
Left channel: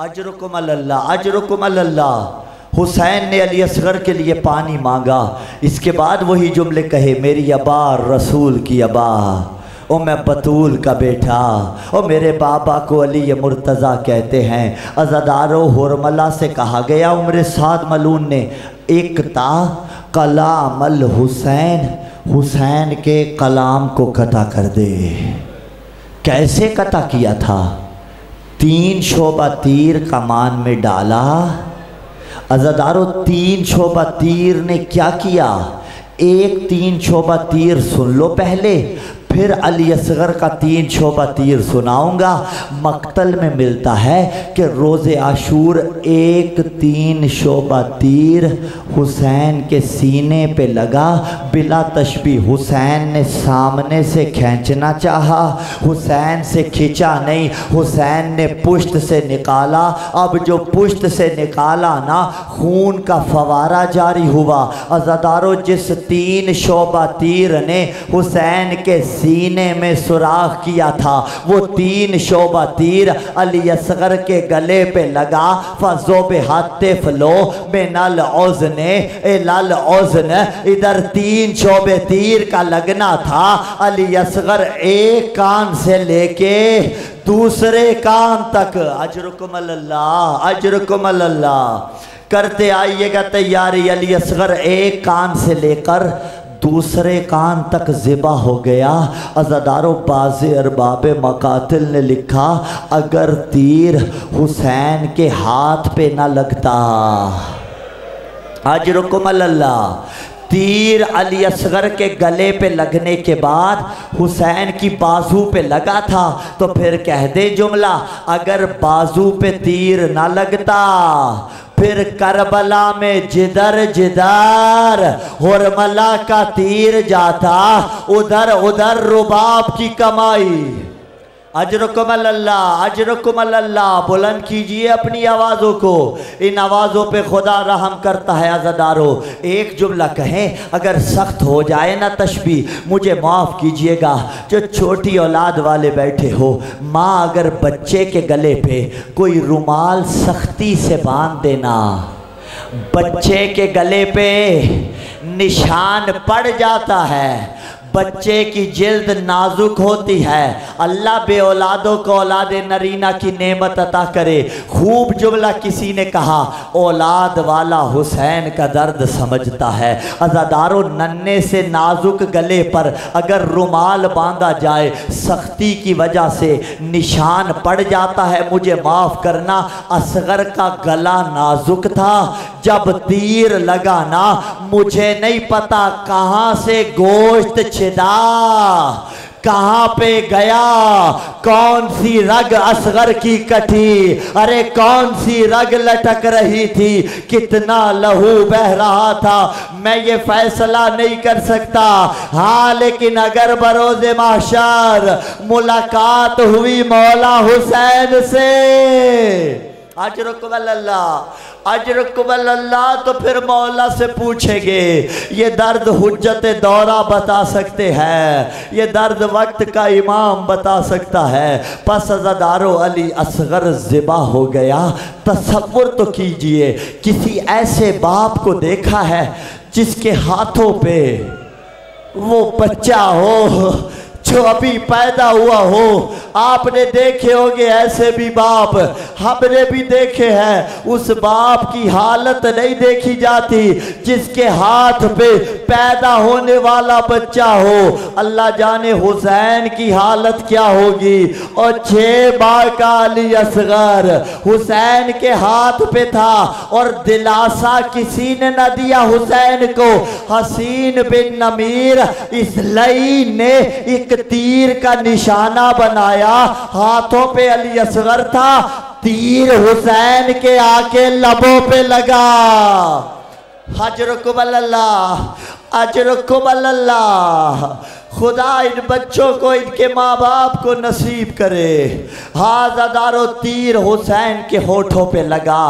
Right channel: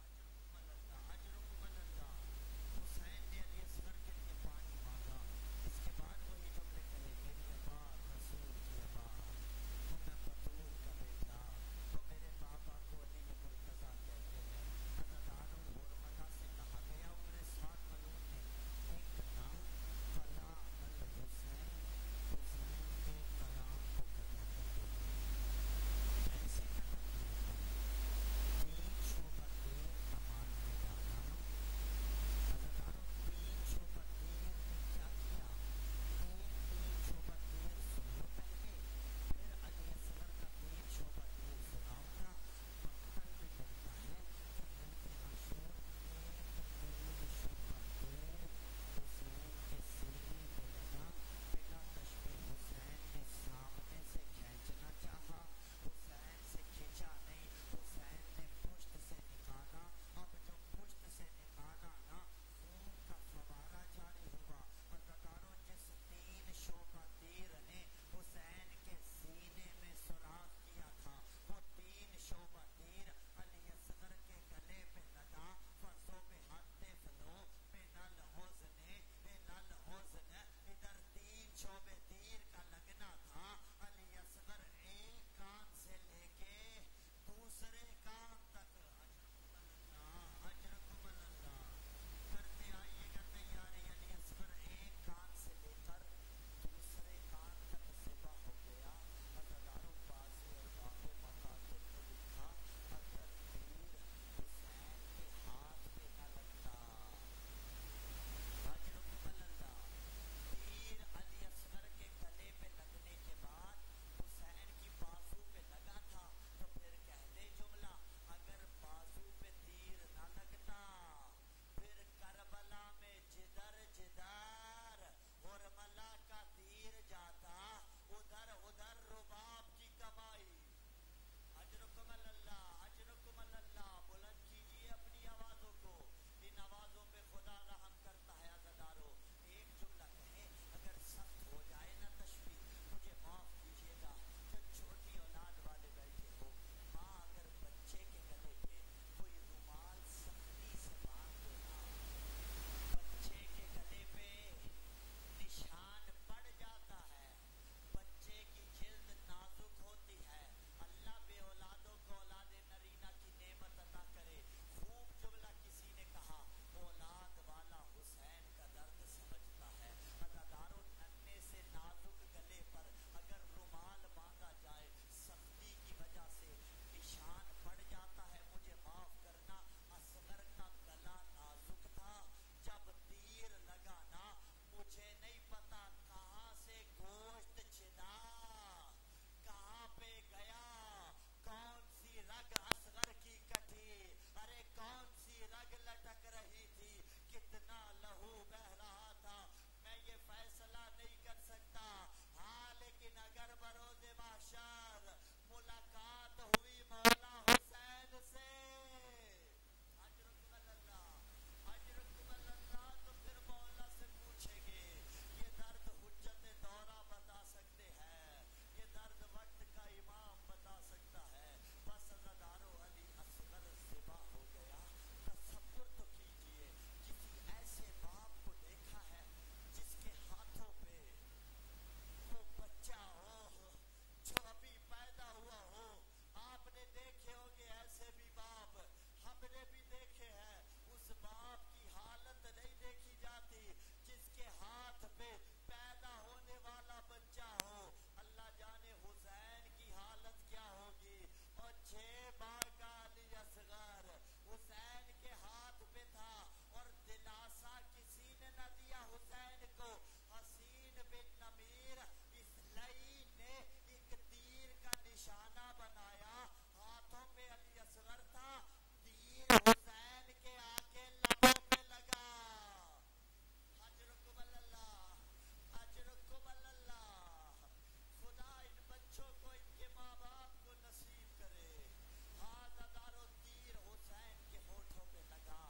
अजरुकुम अल्लाह, अजरुकुम अल्लाह। हुसैन ने अली असगर के लिए पानी मांगा। इसके बाद वही जुमले कहे, मेरी अबा रसूल की अबा, ओ मैं बतूल का बेटा, ओ मेरे बाबा को अली मुर्तज़ा कहते हैं। अज़ादारो हुरमला से कहा गया, उम्र साद मलून ने, एक ता कलामल हुसैन, हुसैन के कलाम को कता कर दे। कैसे कता किया था? 3 शोबा तीर कमान में डाला। अज़ादारो 3 शोबा तीर ने क्या किया? एक 3 शोबा तीर सुन लो पहले, फिर अली असगर का 3 शोबा तीर सुनाऊंगा। मक्तल में मिलता है कि रोज़े आशूर एक 3 शोबा तीर हुसैन के सीने पे लगा। बिला तशबीह हुसैन ने सामने से खींचना चाहा, हुसैन से खींचा नहीं, हुसैन ने पुश्त से निकाला। अब जो पुश्त से निकाला ना, खून का फवारा जारी हुआ। अज़ादारो जिस 3 शोबा तीर ने हुसैन के सीने में सुराख किया था, वो 3 शोबा तीर अली असगर के गले पे लगा। फजोबे हाथे फलो बेनल औज़ने ए लाल औज़न, इधर 3 शोबे तीर का लगना था। अली असगर एक कान से लेके दूसरे कान तक, अजरुकुम अल्लाह, अजरुकुम अल्लाह, करते आइएगा तैयारी। अली असगर एक कान से लेकर दूसरे कान तक ज़िबा हो गया। अज़ादारो बाज़े अरबाब मकातिल ने लिखा, अगर तीर हुसैन के हाथ पे ना लगता, अजरुकुम अल्लाह, तीर अली असगर के गले पे लगने के बाद हुसैन की बाजू पे लगा था, तो फिर कह दे जुमला, अगर बाजू पे तीर ना लगता फिर करबला में जिधर जिधर हुरमला का तीर जाता, उधर उधर रुबाब की कमाई। अजरुकुम अल्लाह, अजरुकुम अल्लाह। बुलंद कीजिए अपनी आवाज़ों को, इन आवाज़ों पे खुदा रहम करता है। अज़ादारो एक जुमला कहें, अगर सख्त हो जाए ना तशबीह, मुझे माफ़ कीजिएगा। जो छोटी औलाद वाले बैठे हो, माँ अगर बच्चे के गले पे कोई रुमाल सख्ती से बांध देना, बच्चे के गले पे निशान पड़ जाता है। बच्चे की जिल्द नाजुक होती है। अल्लाह बे औलादों को औलाद नरीना की नेमत अता करे। खूब जुमला किसी ने कहा, औलाद वाला हुसैन का दर्द समझता है। अज़ादारो नन्हे से नाजुक गले पर अगर रुमाल बांधा जाए, सख्ती की वजह से निशान पड़ जाता है। मुझे माफ़ करना, असगर का गला नाजुक था। जब तीर लगा ना, मुझे नहीं पता कहाँ से गोश्त छिदा, कहाँ पे गया, कौन सी रग असगर की कटी, अरे कौन सी रग लटक रही थी, कितना लहू बह रहा था, मैं ये फैसला नहीं कर सकता। हाँ, लेकिन अगर बरोज़े महशर मुलाकात हुई मौला हुसैन से, अजरुकुम अल्लाह, अजरुकुम अल्लाह, तो फिर मौला से पूछेंगे। ये दर्द हुज्जत दौरा बता सकते हैं, ये दर्द वक्त का इमाम बता सकता है। पस अज़ादारो अली असगर ज़िबा हो गया। तसव्वुर तो कीजिए, किसी ऐसे बाप को देखा है जिसके हाथों पे वो बच्चा हो, जो अभी पैदा हुआ हो। आपने देखे होंगे ऐसे भी बाप, हमने भी देखे हैं। उस बाप की हालत नहीं देखी जाती जिसके हाथ पे पैदा होने वाला बच्चा हो। अल्लाह जाने हुसैन की हालत क्या होगी। और 6 माह का अली असगर हुसैन के हाथ पे था और दिलासा किसी ने न दिया हुसैन को। हसीन बिन नमीर इसलई ने एक तीर का निशाना बनाया, हाथों पे अली असगर था, तीर हुसैन के आके लबों पे लगा। हजरकुम अल्लाह, अजरकुम अल्लाह। खुदा इन बच्चों को, इनके माँ बाप को नसीब करे। हाज़ादारो तीर हुसैन के होठों पे लगा।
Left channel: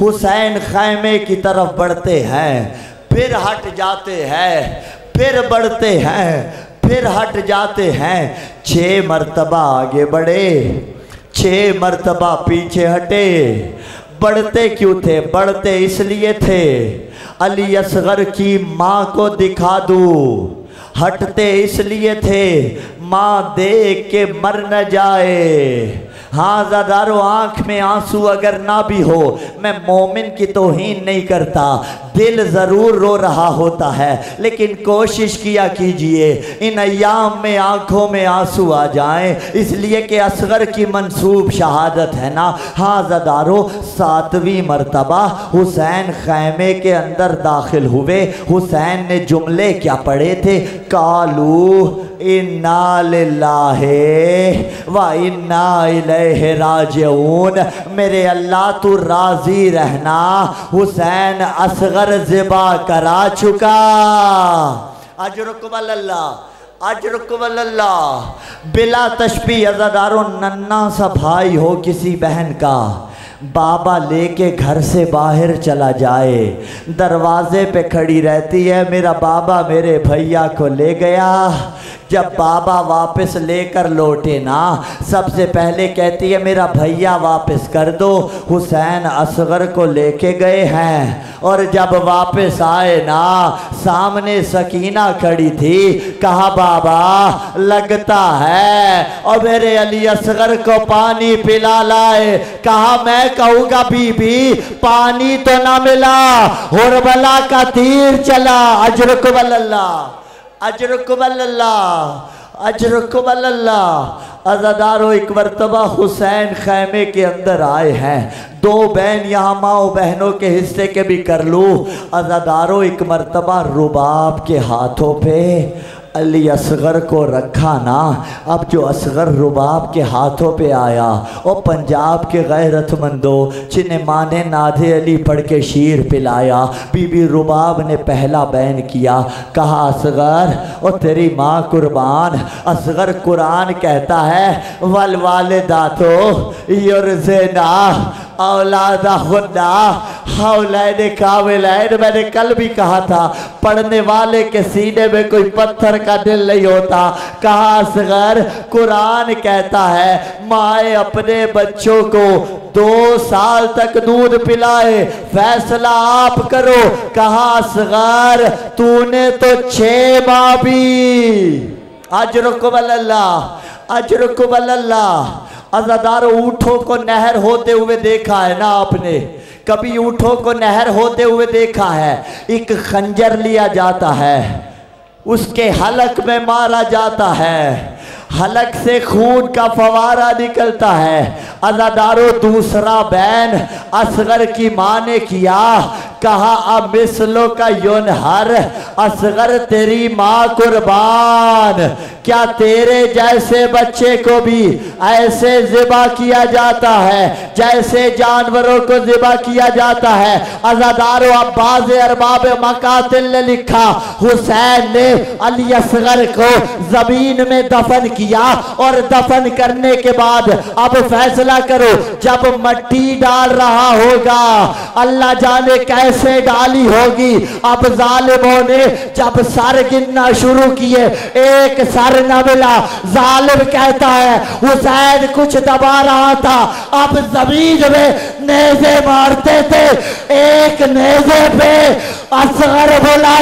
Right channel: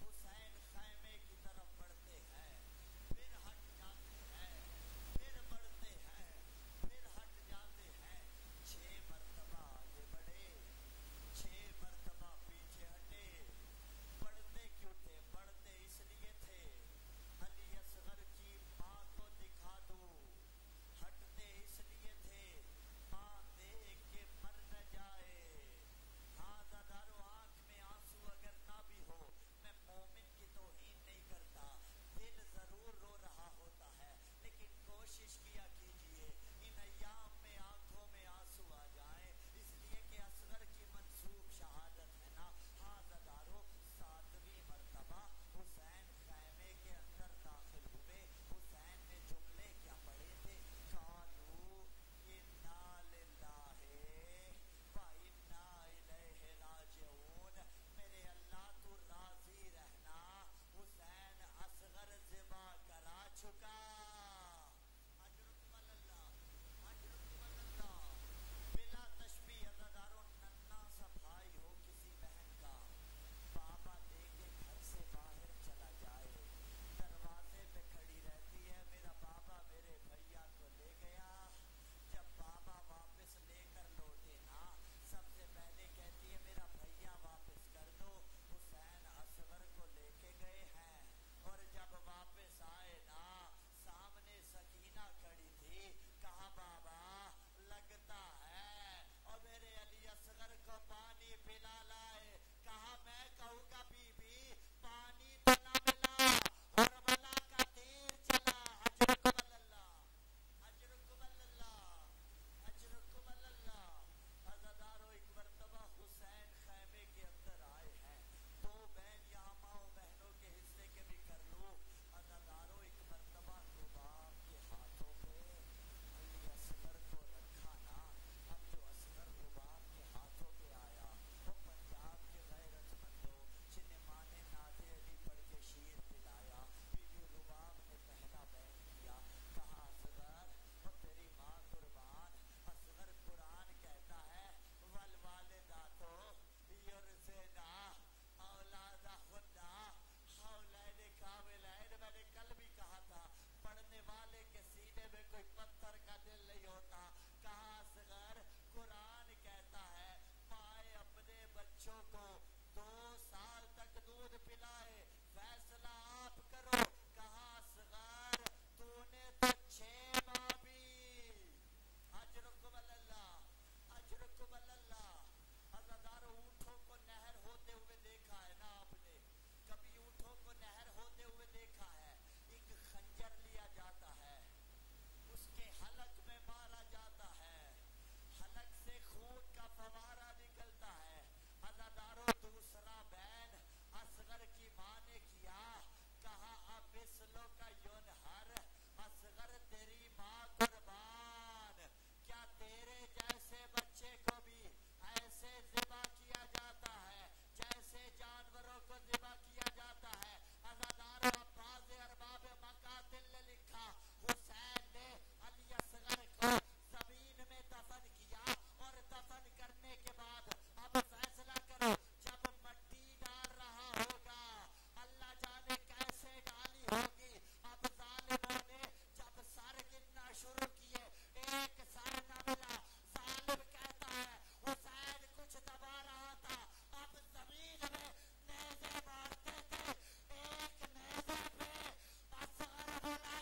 हुसैन खैमे की तरफ बढ़ते हैं, फिर हट जाते हैं, फिर बढ़ते हैं, फिर हट जाते हैं। 6 मर्तबा आगे बढ़े, 6 मर्तबा पीछे हटे। बढ़ते क्यों थे? बढ़ते इसलिए थे अली असगर की माँ को दिखा दूँ। हटते इसलिए थे माँ देख के मर न जाए। हाँ ज़ादारो, आँख में आंसू अगर ना भी हो, मैं मोमिन की तौहीन नहीं करता, दिल ज़रूर रो रहा होता है, लेकिन कोशिश किया कीजिए इन अय्याम में आँखों में आंसू आ जाएं, इसलिए कि असगर की मंसूब शहादत है ना। हाँ ज़ादारो, 7वीं मरतबा हुसैन खैमे के अंदर दाखिल हुए। हुसैन ने जुमले क्या पढ़े थे? कालू इन्ना लिल्लाहि व इन्ना इलैहि राजिऊन। मेरे अल्लाह तू राजी रहना, हुसैन असगर ज़िबा करा चुका। अजरुकुम अल्लाह, अजरुकुम अल्लाह। बिला तशबी अज़ादारों, नन्ना सा भाई हो किसी बहन का, बाबा लेके घर से बाहर चला जाए, दरवाजे पे खड़ी रहती है, मेरा बाबा मेरे भैया को ले गया। जब बाबा वापस लेकर लौटे ना, सबसे पहले कहती है मेरा भैया वापस कर दो। हुसैन असगर को लेके गए हैं और जब वापस आए ना, सामने सकीना खड़ी थी। कहा बाबा लगता है और मेरे अली असगर को पानी पिला लाए। कहा मैं कहूँगा बीबी पानी तो ना मिला, हुरबला का तीर चला। अजरुकुम अल्लाह, अजरुकुम अल्लाह, अजरुकुम अल्लाह। अज़ादारो, एक मरतबा हुसैन खैमे के अंदर आए हैं। 2 बहन यहाँ माओ बहनों के हिस्से के भी कर लूँ। अज़ादारो, एक मरतबा रुबाब के हाथों पे अली असगर को रखा ना। अब जो असगर रुबाब के हाथों पे आया, और पंजाब के गैरतमंदों जिन्हें माँ ने नादे अली पढ़ के शीर पिलाया, बीबी रुबाब ने पहला बैन किया। कहा असगर और तेरी माँ कुर्बान। असगर कुरान कहता है वल वालिदातो युरज़िना औलादहुन्ना हौलैन कामिलैन। मैंने कल भी कहा था पढ़ने वाले के सीने में कोई पत्थर का दिल नहीं होता। कहा असगर कुरान कहता है माए अपने बच्चों को 2 साल तक दूध पिलाए, फैसला आप करो। कहा असगर तूने तो 6 माह भी। अजरुकुम अल्लाह, अजरुकुम अल्लाह। अज़ादारों, ऊँटों को नहर होते हुए देखा है ना आपने? कभी ऊँटों को नहर होते हुए देखा है? एक खंजर लिया जाता है, उसके हलक में मारा जाता है, हलक से खून का फवारा निकलता है। अज़ादारों, दूसरा बैन असगर की माँ ने किया। कहा अब मिसलों का युनहर। असगर तेरी माँ कुर्बान, क्या तेरे जैसे बच्चे को भी ऐसे ज़िबा किया जाता है जैसे जानवरों को ज़िबा किया जाता है? अज़ादारों, अब्बास अरबाब मकातिल ने लिखा हुसैन ने अली असगर को ज़मीन में दफन किया और दफन करने के बाद अब फैसला करो, जब मट्टी डाल रहा होगा, अल्लाह जाने कैसे डाली होगी। अब जालिमों ने जब सर गिनना शुरू किए, एक सर न मिला। जालिम कहता है हुसैन कुछ दबा रहा था। अब जमीन में नेज़े मारते थे, एक नेज़े पे असगर बोला